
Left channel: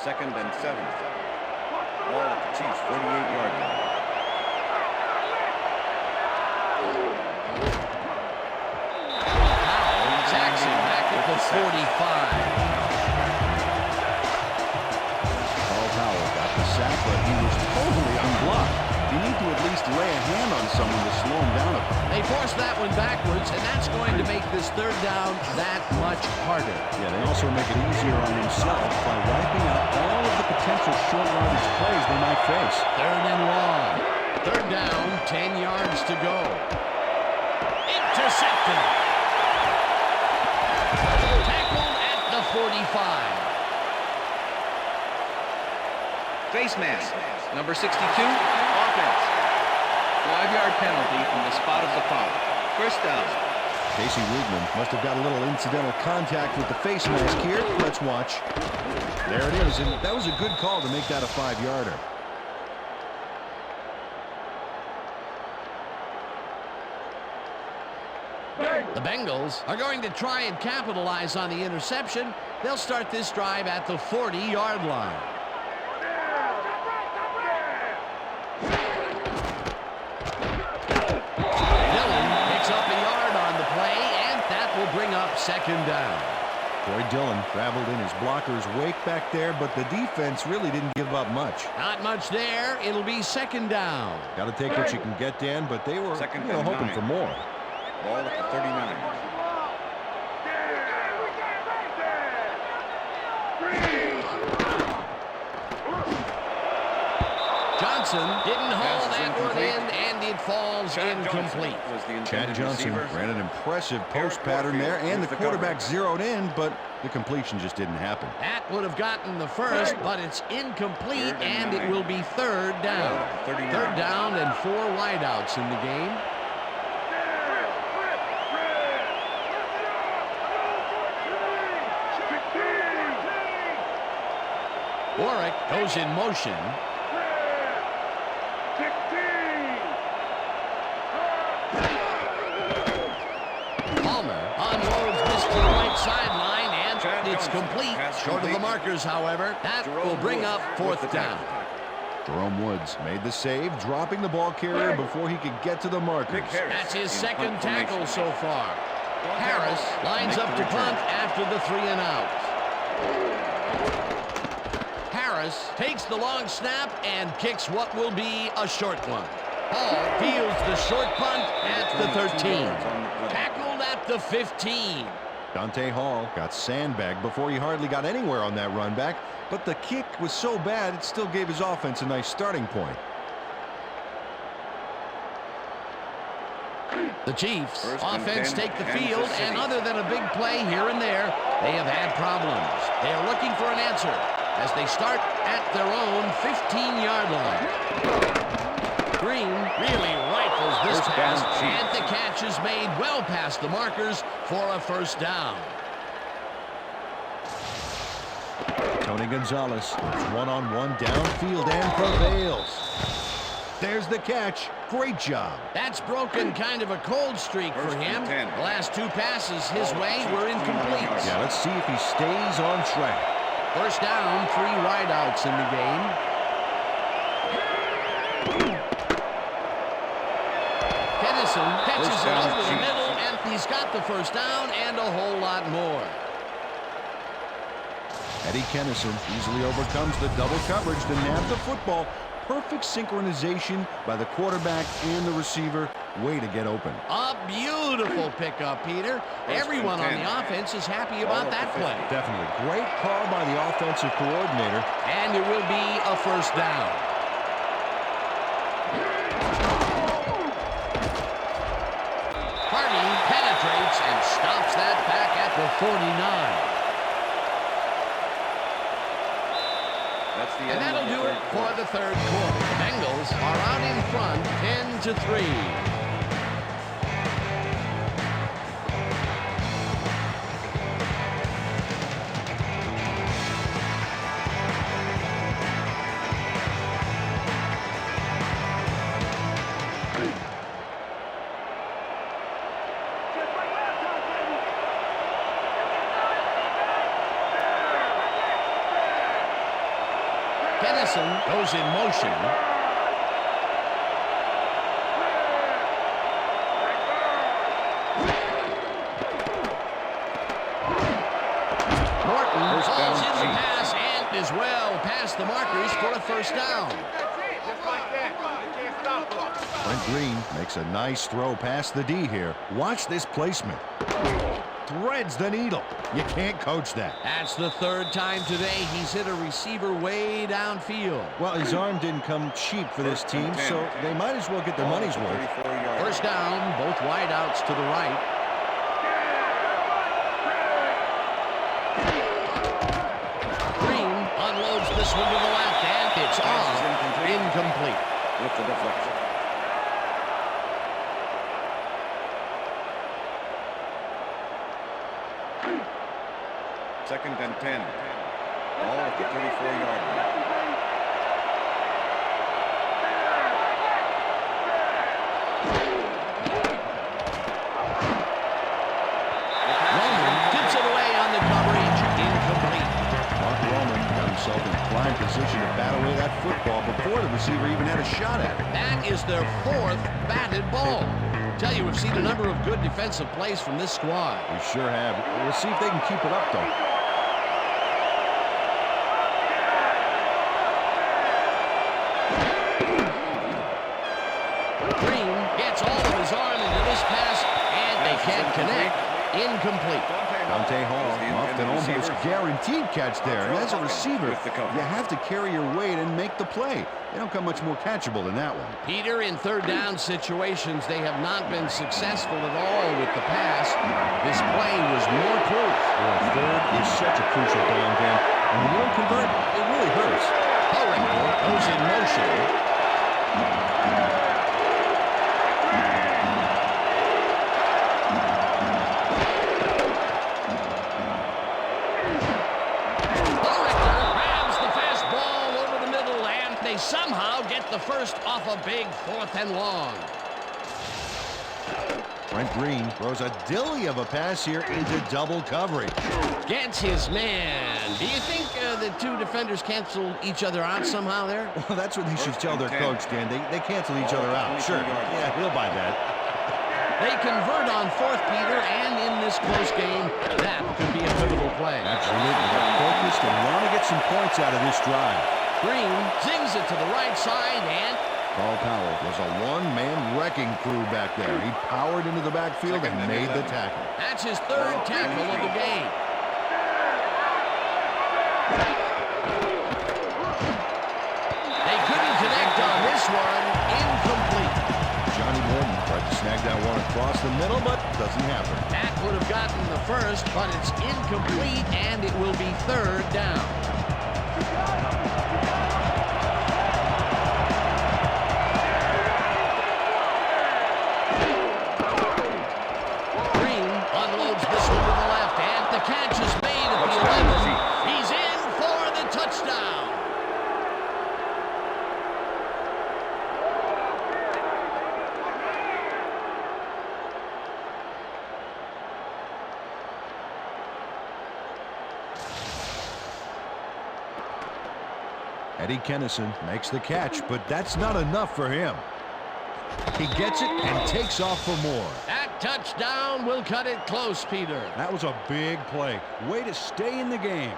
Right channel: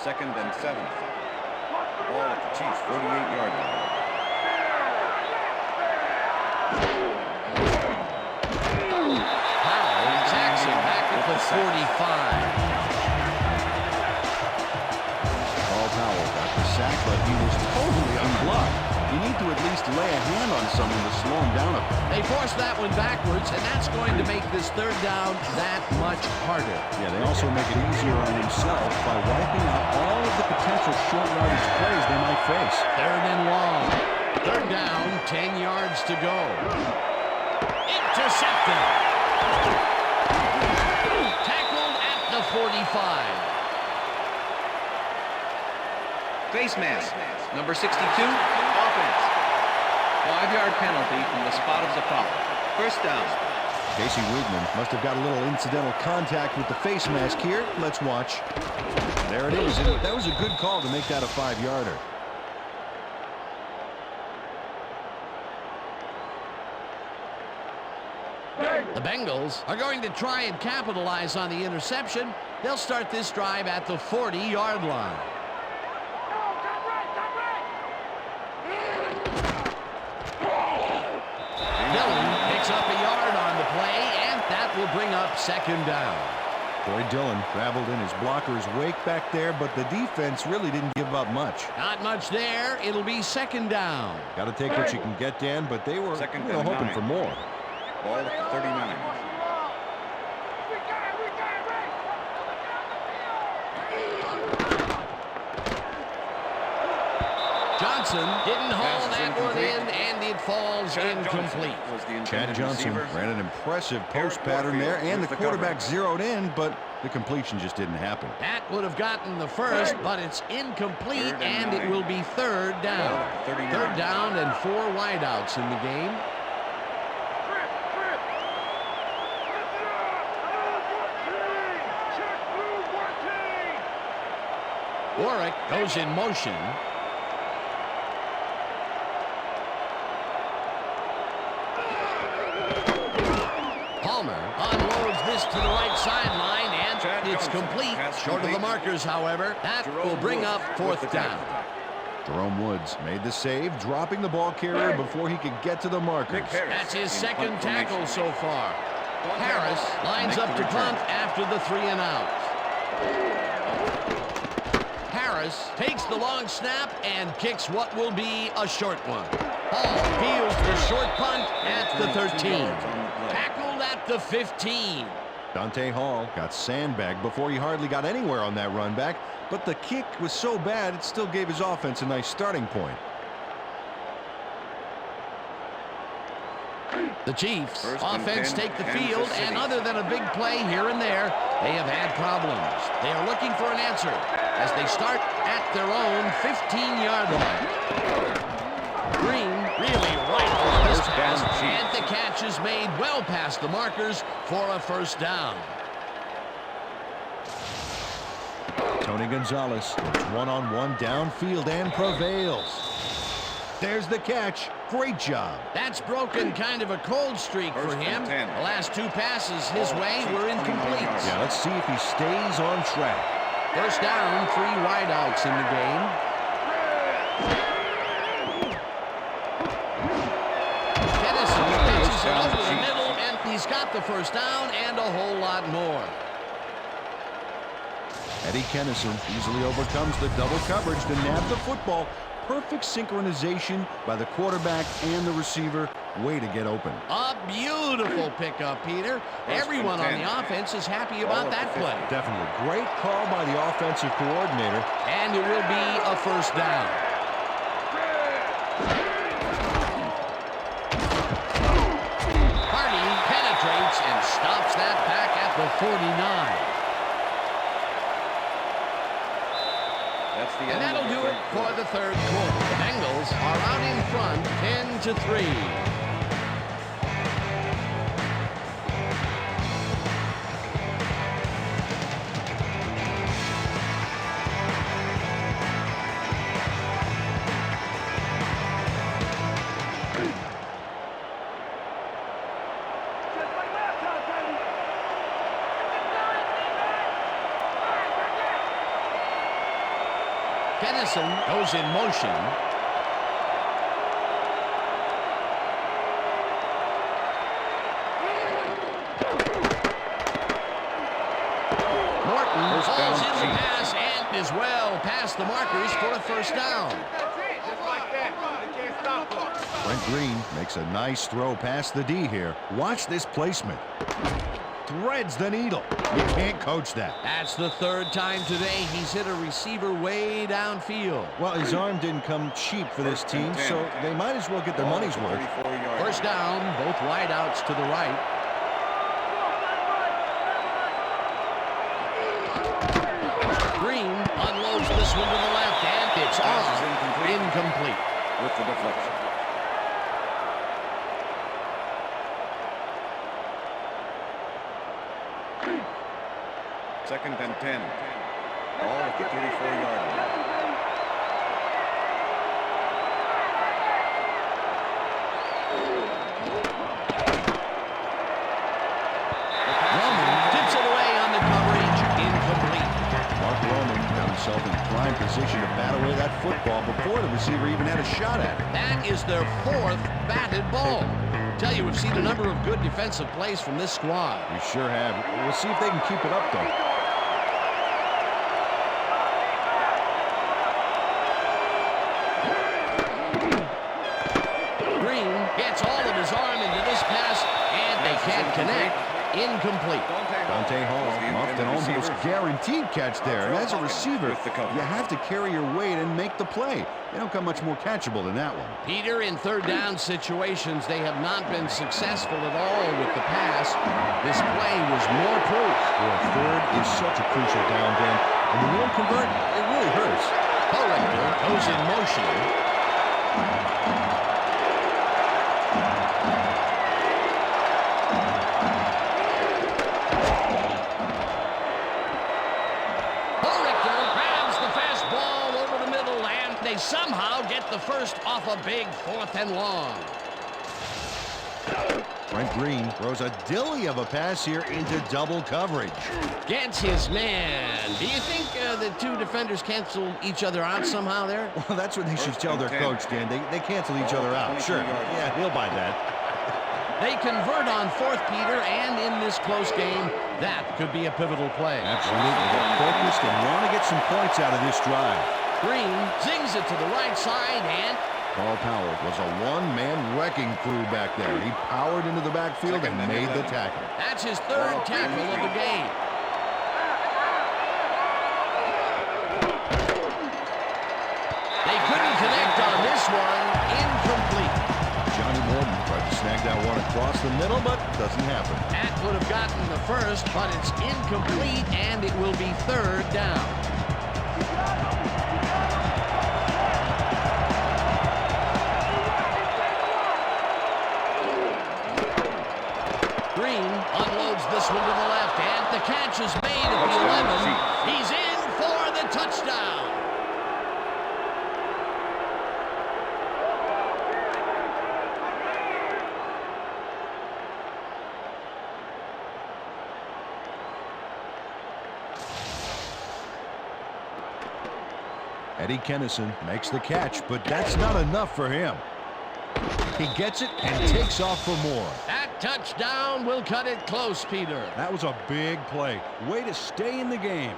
Second and 7. Ball at the Chiefs' 48-yard line. Powell sacks him back at the 45. Paul Powell got the sack, but he was totally unblocked. You need to at least lay a hand on someone to slow him down a bit. They forced that one backwards, and that's going to make this third down that much harder. Yeah, they also make it easier on themselves by wiping out all of the potential short yardage plays they might face. Third and long. Third down, 10 yards to go. Intercepted. Tackled at the 45. Face mask, number 62, offense. 5-yard penalty from the spot of the foul. First down. Casey Weidman must have got a little incidental contact with the face mask here. Let's watch. There it is, and that was a good call to make that a 5-yarder. The Bengals are going to try and capitalize on the interception. They'll start this drive at the 40-yard line. Up a yard on the play, and that will bring up second down. Troy Dillon traveled in his blocker's wake back there, but the defense really didn't give up much. Not much there. It'll be second down. Got to take what you can get, Dan, but they were hoping for more. Ball at the 39. Johnson didn't haul that one in, and it falls incomplete. Chad Johnson ran an impressive post pattern there, and the quarterback zeroed in, but the completion just didn't happen. That would have gotten the first, but it's incomplete, and it will be third down. Third down and 4 wideouts in the game. Warwick goes in motion. right sideline, and Chad it's Johnson. complete. Pass Short of the complete. markers, however. That will Jerome bring Woods up with fourth the down. tackle. Jerome Woods made the save, dropping the ball carrier before he could get to the markers. Nick Harris That's his in second punt tackle formation. so far. Harris lines Make up the to punt return. after the 3 and out. Harris takes the long snap and kicks what will be a short one. Hall fields the short punt at the Returning 2 13. yards on the play. Tackled at the 15. Dante Hall got sandbagged before he hardly got anywhere on that run back, but the kick was so bad it still gave his offense a nice starting point. The Chiefs First and offense 10, take the Kansas field, City. and other than a big play here and there, they have had problems. They are looking for an answer as they start at their own 15-yard line. Green really rifles this First pass, down, Chiefs. and the catch is made well past the markers for a first down. Tony Gonzalez goes one-on-one downfield and prevails. There's the catch. Great job. That's broken kind of a cold streak for First and him. 10. The last 2 passes his Ball way Chiefs, were 29 incomplete. yards. Yeah, let's see if he stays on track. First down, 3 wideouts in the game. Kennison catches First it down, over the Chiefs. middle, and he's got the first down and a whole lot more. Eddie Kennison easily overcomes the double coverage to nab the football. Perfect synchronization by the quarterback and the receiver. Way to get open. A beautiful pickup, Peter. First Everyone and on 10. the offense is happy Ball about at that the play. 50. Definitely great call by the offensive coordinator. And it will be a first down. Hardy penetrates and stops that back at the 49. That's the And end that'll of the do third it for quarter. the third quarter. The Bengals are out in front 10-3. Just like last time, baby. You can do it, Steve. Kennison goes in motion. Morton First falls down, in the Chiefs. pass and is well past the markers for a first down. That's it. Just like that. They can't stop us. Brent Green makes a nice throw past the D here. Watch this placement. Threads the needle. You can't coach that. That's the third time today he's hit a receiver way downfield. Well, his arm didn't come cheap for this First and team, 10. so they might as well get their Ball money's at the worth. 34-yard First line. down, both wideouts to the right. Green unloads this one to the left, and it's Pass off. is incomplete. Incomplete. With the deflection. Second and 10. Ball at the 34-yard line. The pass is Roman incomplete. tips it away on the coverage. Incomplete. Mark Roman got himself in prime position to bat away that football before the receiver even had a shot at it. That is their 4th batted ball. Tell you, we've seen a number of good defensive plays from this squad. We sure have. We'll see if they can keep it up, though. Green gets all of his arm into this pass, and they Pass is can't connect. Incomplete. Dante Hall was the muffed an intended almost receiver. guaranteed catch there. And as a Hawkins receiver, with the coverage. you have to carry your weight and make the play. They don't come much more catchable than that one. Peter, in third down situations, they have not been successful at all with the pass. This play was more proof. Boy, third is such a crucial down, Dan. And when you don't convert, it really hurts. Corrector goes in motion. Corrector grabs the fastball over the middle, and they somehow get the first off a big 4th and long. Brent Green throws a dilly of a pass here into double coverage. Gets his man. Do you think the two defenders cancel each other out somehow there? Well, that's what they should tell their coach, Dan. They cancel each other out. Sure. Yeah, he'll buy that. They convert on fourth, Peter, and in this close game, that could be a pivotal play. Absolutely. They're focused and want to get some points out of this drive. Green zings it to the right side, and Carl Powell was a one-man wrecking crew back there. He powered into the backfield and made the tackle. that's his third tackle of the game. They couldn't connect on this one. Incomplete. Johnny Morton tried to snag that one across the middle, but doesn't happen. That would have gotten the first, but it's incomplete, and it will be third down. Green unloads this one to the left, and the catch is made at the 11. He's in for the touchdown. Eddie Kennison makes the catch, but that's not enough for him. He gets it and takes off for more. That touchdown will cut it close, Peter. That was a big play. Way to stay in the game.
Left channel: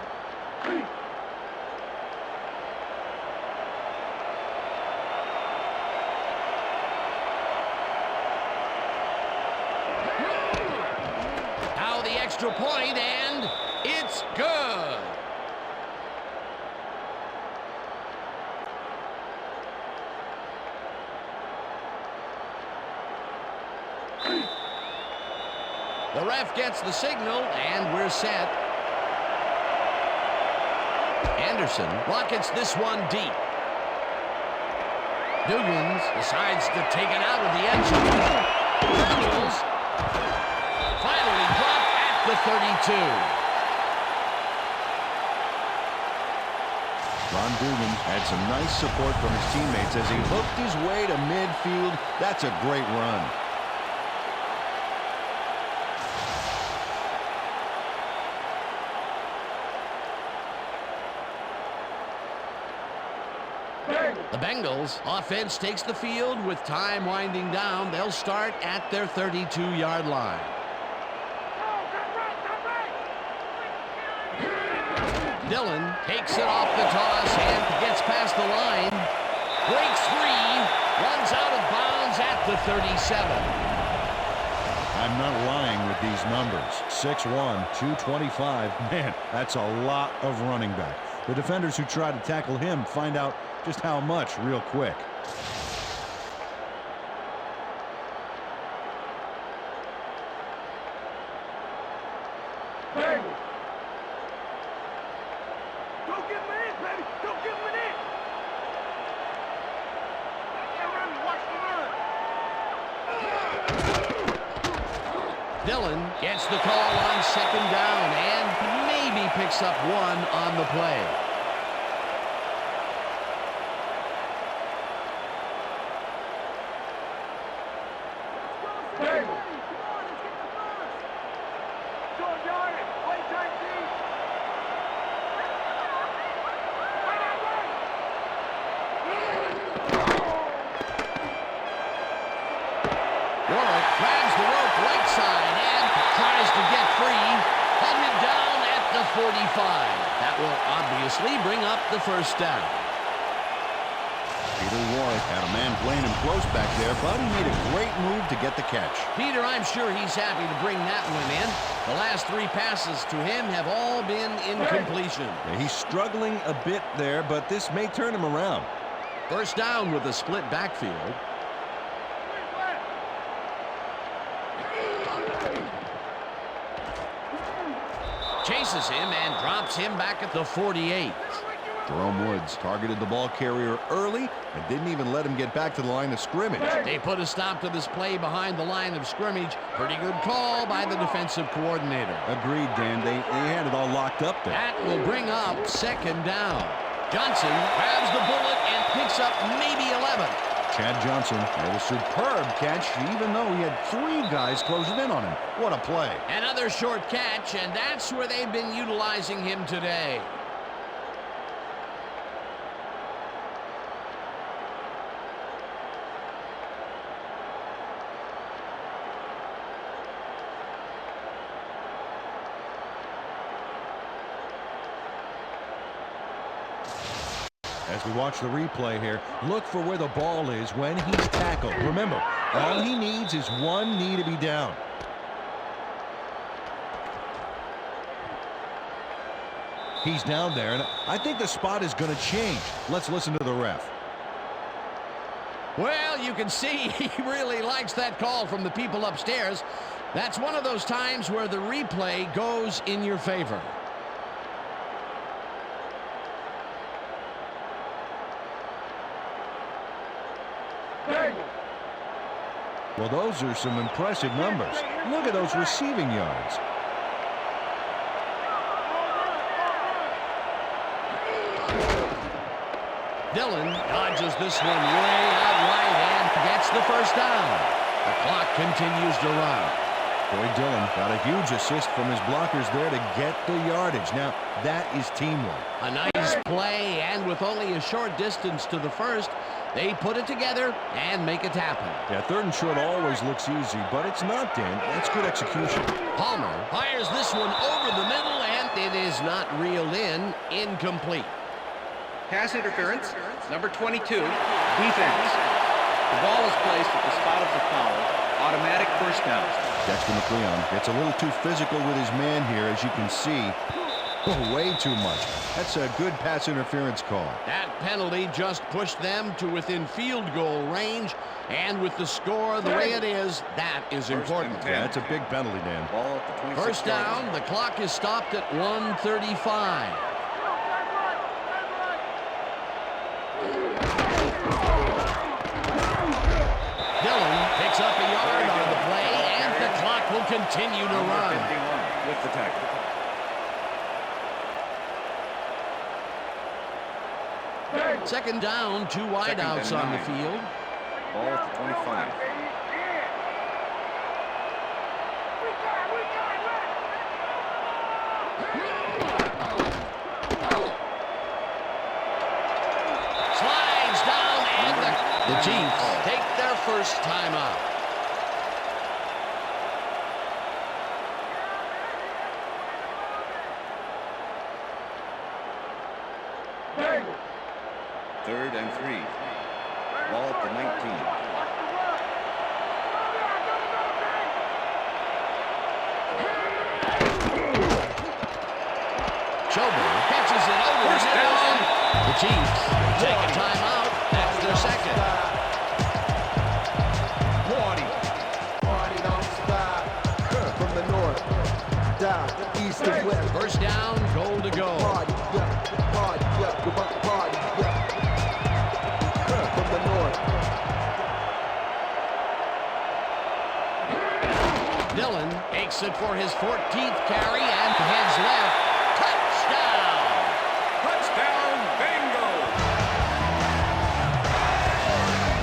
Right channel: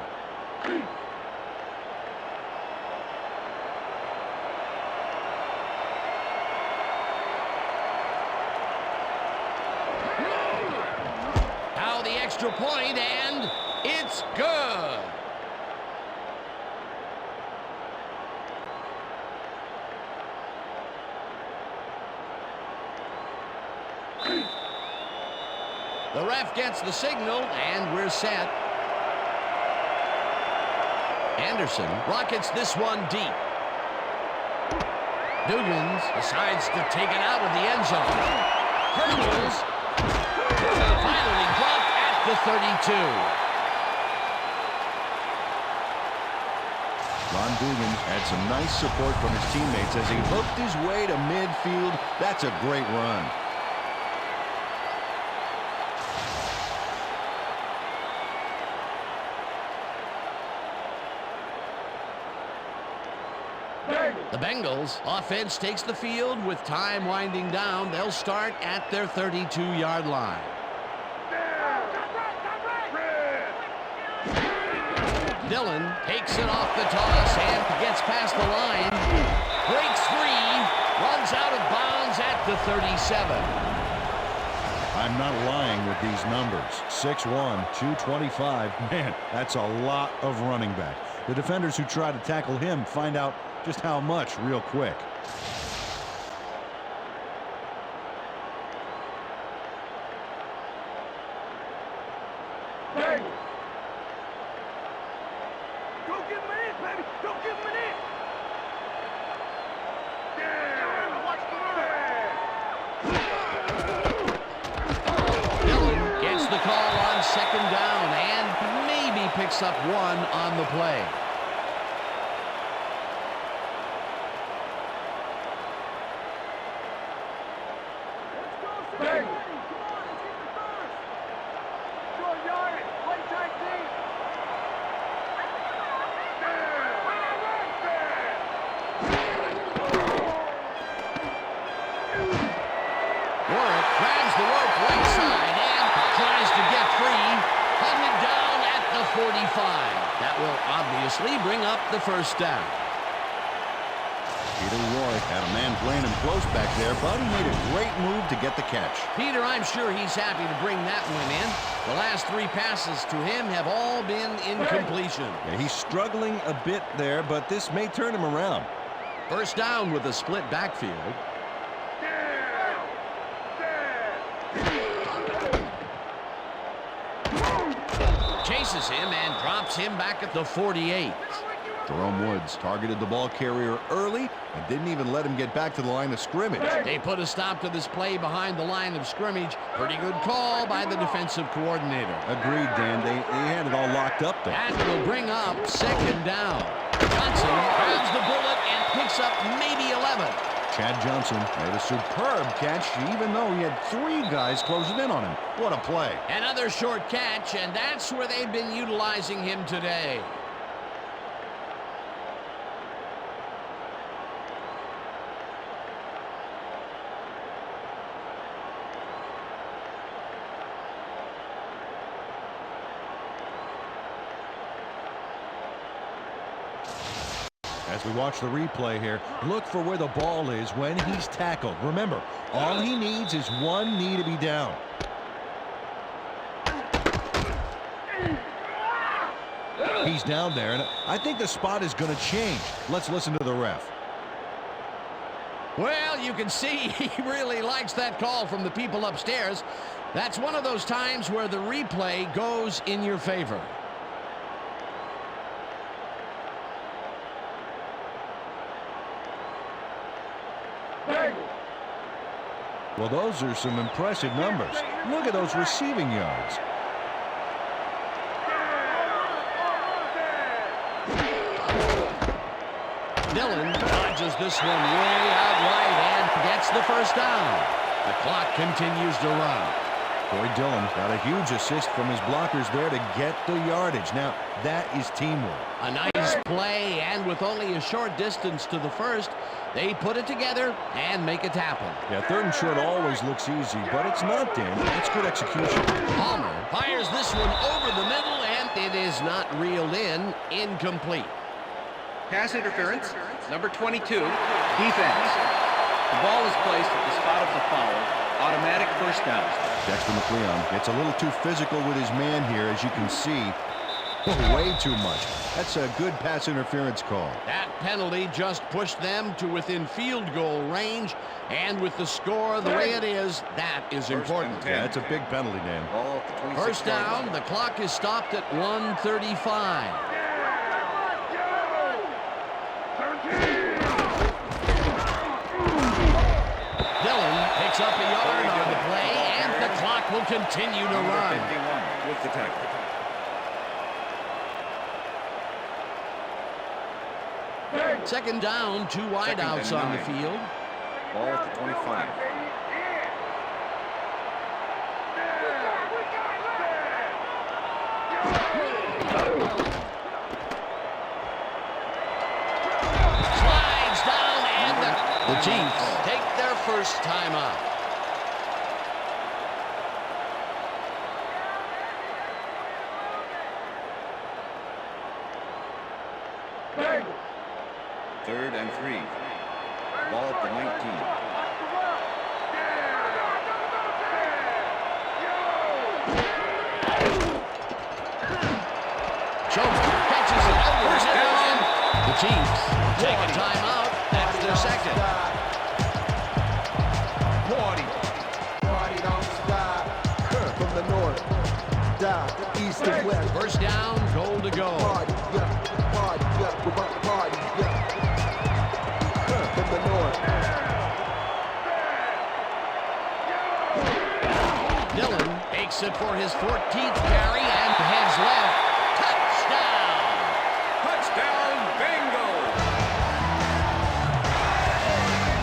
Now the extra point, and it's good. The ref gets the signal, and we're set. Anderson rockets this one deep. Dugans decides to take it out of the end zone. Colonels finally dropped at the 32. Ron Dugans had some nice support from his teammates as he hooked his way to midfield. That's a great run. The Bengals offense takes the field with time winding down. They'll start at their 32-yard line. Dillon takes it off the toss and gets past the line. Breaks free. Runs out of bounds at the 37. I'm not lying with these numbers. 6'1", 225. Man, that's a lot of running back. The defenders who try to tackle him find out just how much real quick. Bang! Don't give him an inch, baby! Don't give him an inch! Yeah, watch the run! Dillon gets the call on second down and maybe picks up one on the play. Bang! Come on, let's get the first! Short yardage, play tight deep! Warwick grabs the rope right side and tries to get free. Hunted down at the 45. That will obviously bring up the first down. Peter Warwick had a man playing him close back there, but he made a great move to get the catch. Peter, I'm sure he's happy to bring that one in. The last three passes to him have all been incompletion. Yeah, he's struggling a bit there, but this may turn him around. First down with a split backfield. Chases him and drops him back at the 48. Jerome Woods targeted the ball carrier early and didn't even let him get back to the line of scrimmage. They put a stop to this play behind the line of scrimmage. Pretty good call by the defensive coordinator. Agreed, Dan. They had it all locked up there. That will bring up second down. Johnson grabs the bullet and picks up maybe 11. Chad Johnson made a superb catch, even though he had 3 guys closing in on him. What a play. Another short catch, and that's where they've been utilizing him today. As we watch the replay here, look for where the ball is when he's tackled. Remember, all he needs is 1 knee to be down. He's down there, and I think the spot is going to change. Let's listen to the ref. Well, you can see he really likes that call from the people upstairs. That's one of those times where the replay goes in your favor. Well, those are some impressive numbers. Look at those receiving yards. Dillon dodges this one way out wide and gets the first down. The clock continues to run. Corey Dillon got a huge assist from his blockers there to get the yardage. Now, that is teamwork. A nice play, and with only a short distance to the first, they put it together and make it happen. Yeah, 3rd and short always looks easy, but it's not, Dan. That's good execution. Palmer fires this one over the middle, and it is not reeled in. Incomplete. Pass interference, number 22, defense. The ball is placed at the spot of the foul. Automatic first down. Dexter McLeon gets a little too physical with his man here, as you can see. Oh, way too much. That's a good pass interference call. That penalty just pushed them to within field goal range, and with the score the way it is, that is important. Yeah, that's a big penalty, Dan. Ball at the 26 First down, the clock is stopped at 1:35. Dillon picks up a yard on the play, and the clock will continue to run. 51 with the tackle. Second down, 2 wideouts on the field. Ball at the 25. Slides down, and the Chiefs take their first timeout. Third and 3. Ball at the 19. Chover catches it over the middle. The Chiefs take a timeout. That's their second. Party don't stop. From the north, down, east and west. First down, goal to go. Party, yeah, party, yeah, we're about to party, yeah. From the north. Dillon takes it for his 14th carry and heads left. Touchdown! Touchdown, bingo!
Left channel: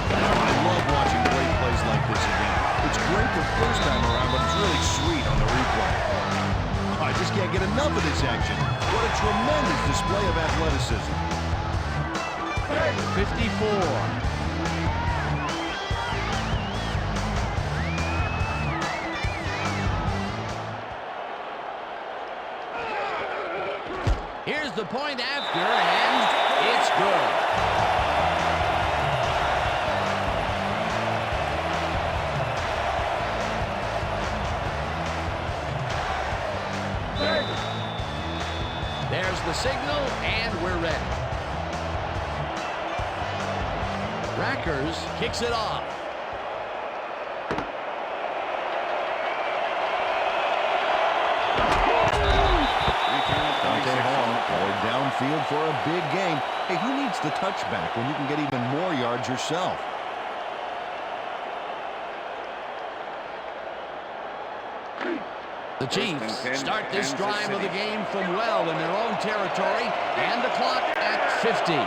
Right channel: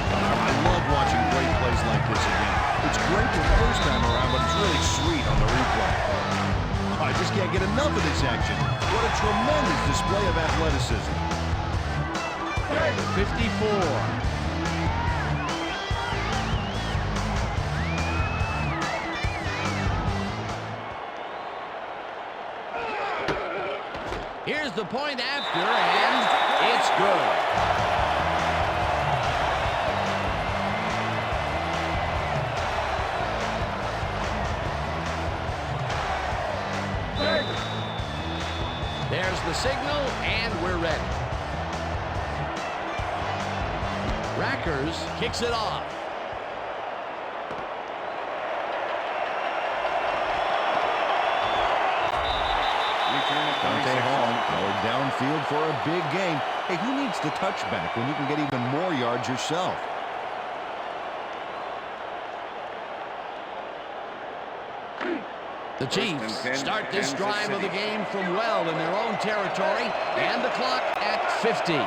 I love watching great plays like this again. It's great the first time around, but it's really sweet on the replay. I just can't get enough of this action. What a tremendous display of athleticism. 54. Here's the point after, and it's good. There's the signal, and we're ready. Rackers kicks it off. Dante Hall or downfield for a big game. Hey, who needs the touchback when you can get even more yards yourself? The Chiefs start this drive of the game from well in their own territory, and the clock at 50.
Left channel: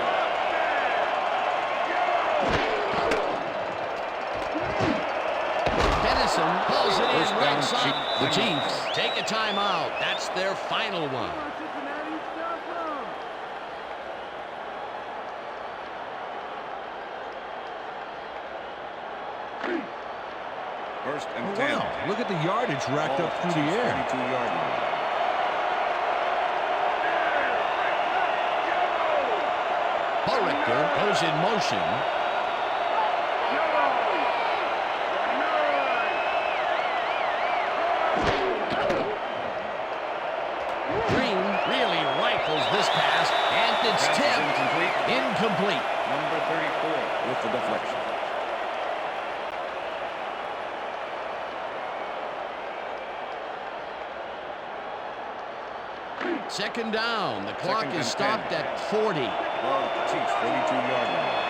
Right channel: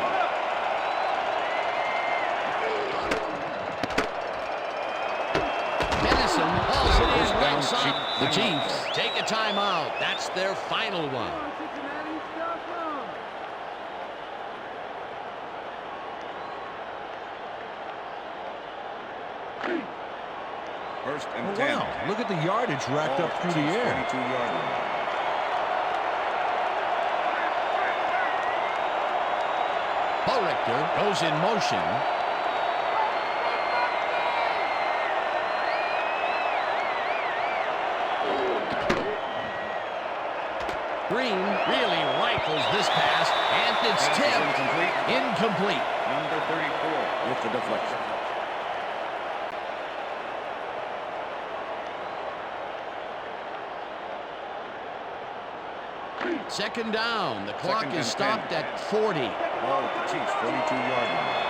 looks up. The Chiefs take a timeout. That's their final one. Come on, Cincinnati, stop them. First and Oh, 10. wow. Look at the yardage racked Ball up at through the Chiefs' air. 42-yard line. Richter goes in motion. Green really rifles this pass, and it's Pass is tipped. incomplete. Incomplete. Number 34 with the deflection. Second down. The clock Second is and stopped 10. at 40. Ball at the Chiefs' 42-yard line.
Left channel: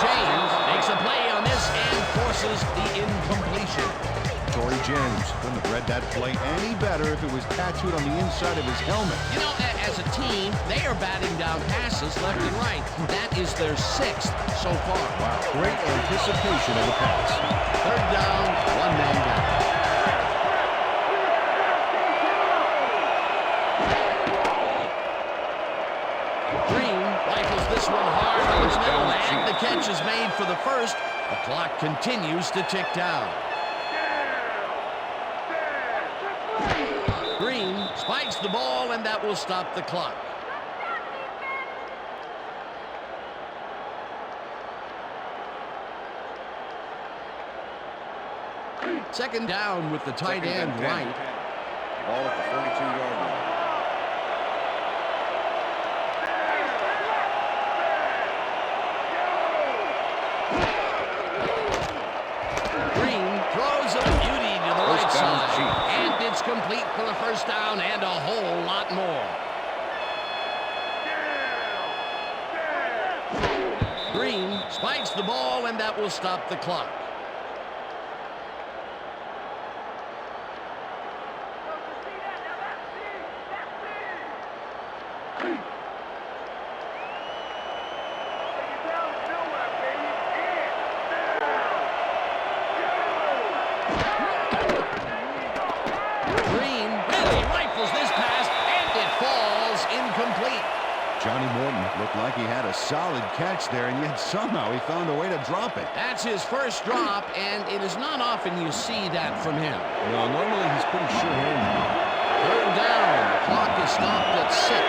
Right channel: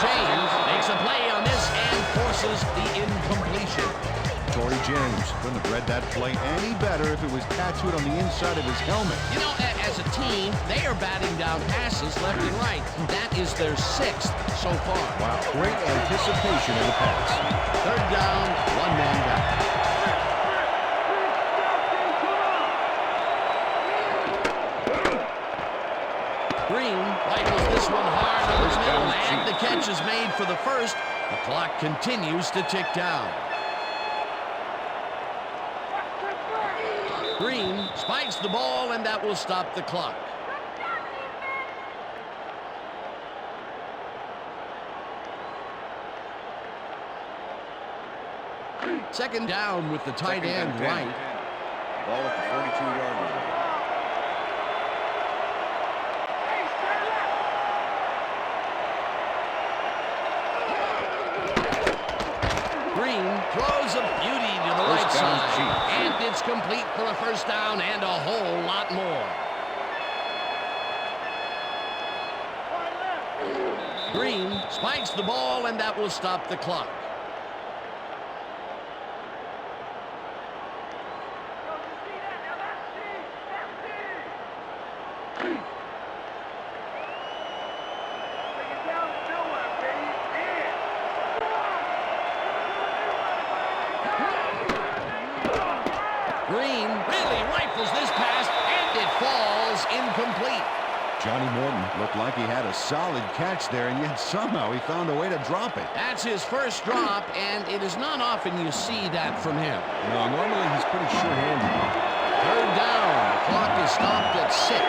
James makes a play on this and forces the incompletion. Torrey James couldn't have read that play any better if it was tattooed on the inside of his helmet. You know, as a team, they are batting down passes left and right. That is their 6th so far. Wow, great anticipation of the pass. Third down, one man down. Green rifles this one hard over the middle, and the catch is made for the first. The clock continues to tick down. Green spikes the ball, and that will stop the clock. Second down with the tight Second end and 10. right. Ball at the 42-yard line. Green throws a beauty to the right First down, side. Chiefs. And it's complete for a first down and a whole lot more. Green spikes the ball, and that will stop the clock. Green really rifles this pass, and it falls incomplete. Johnny Morton looked like he had a solid catch there, and yet somehow he found a way to drop it. That's his first drop, and it is not often you see that from him. No, normally he's pretty sure-handed. Third down. The clock is stopped at 6.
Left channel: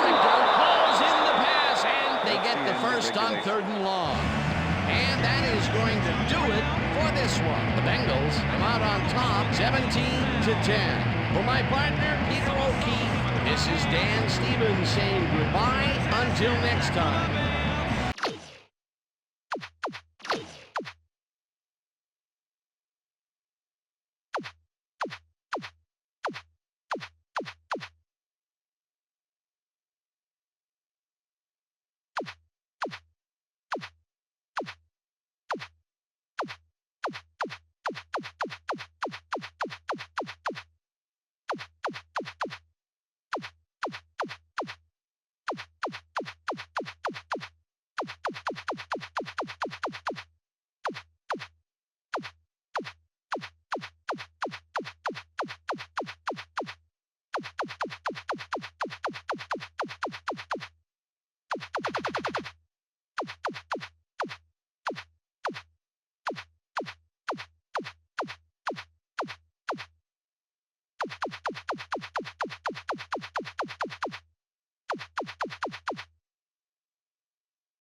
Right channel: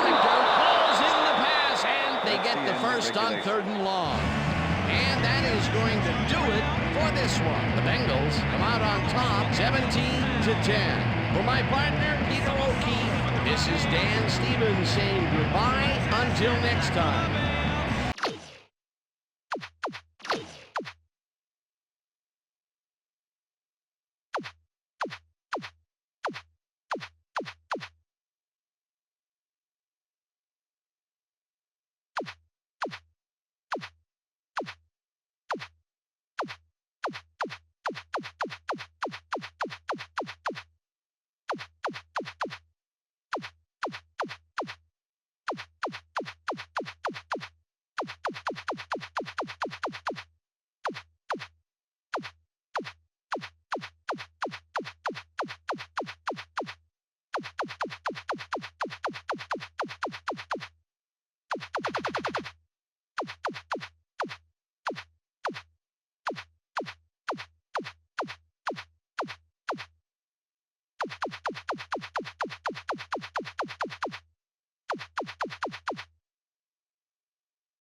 Richter calls in the pass, and they get the first on 3rd and long. And that is going to do it for this one. The Bengals come out on top, 17-10. For my partner, Peter O'Keefe, this is Dan Stevens saying goodbye until next time.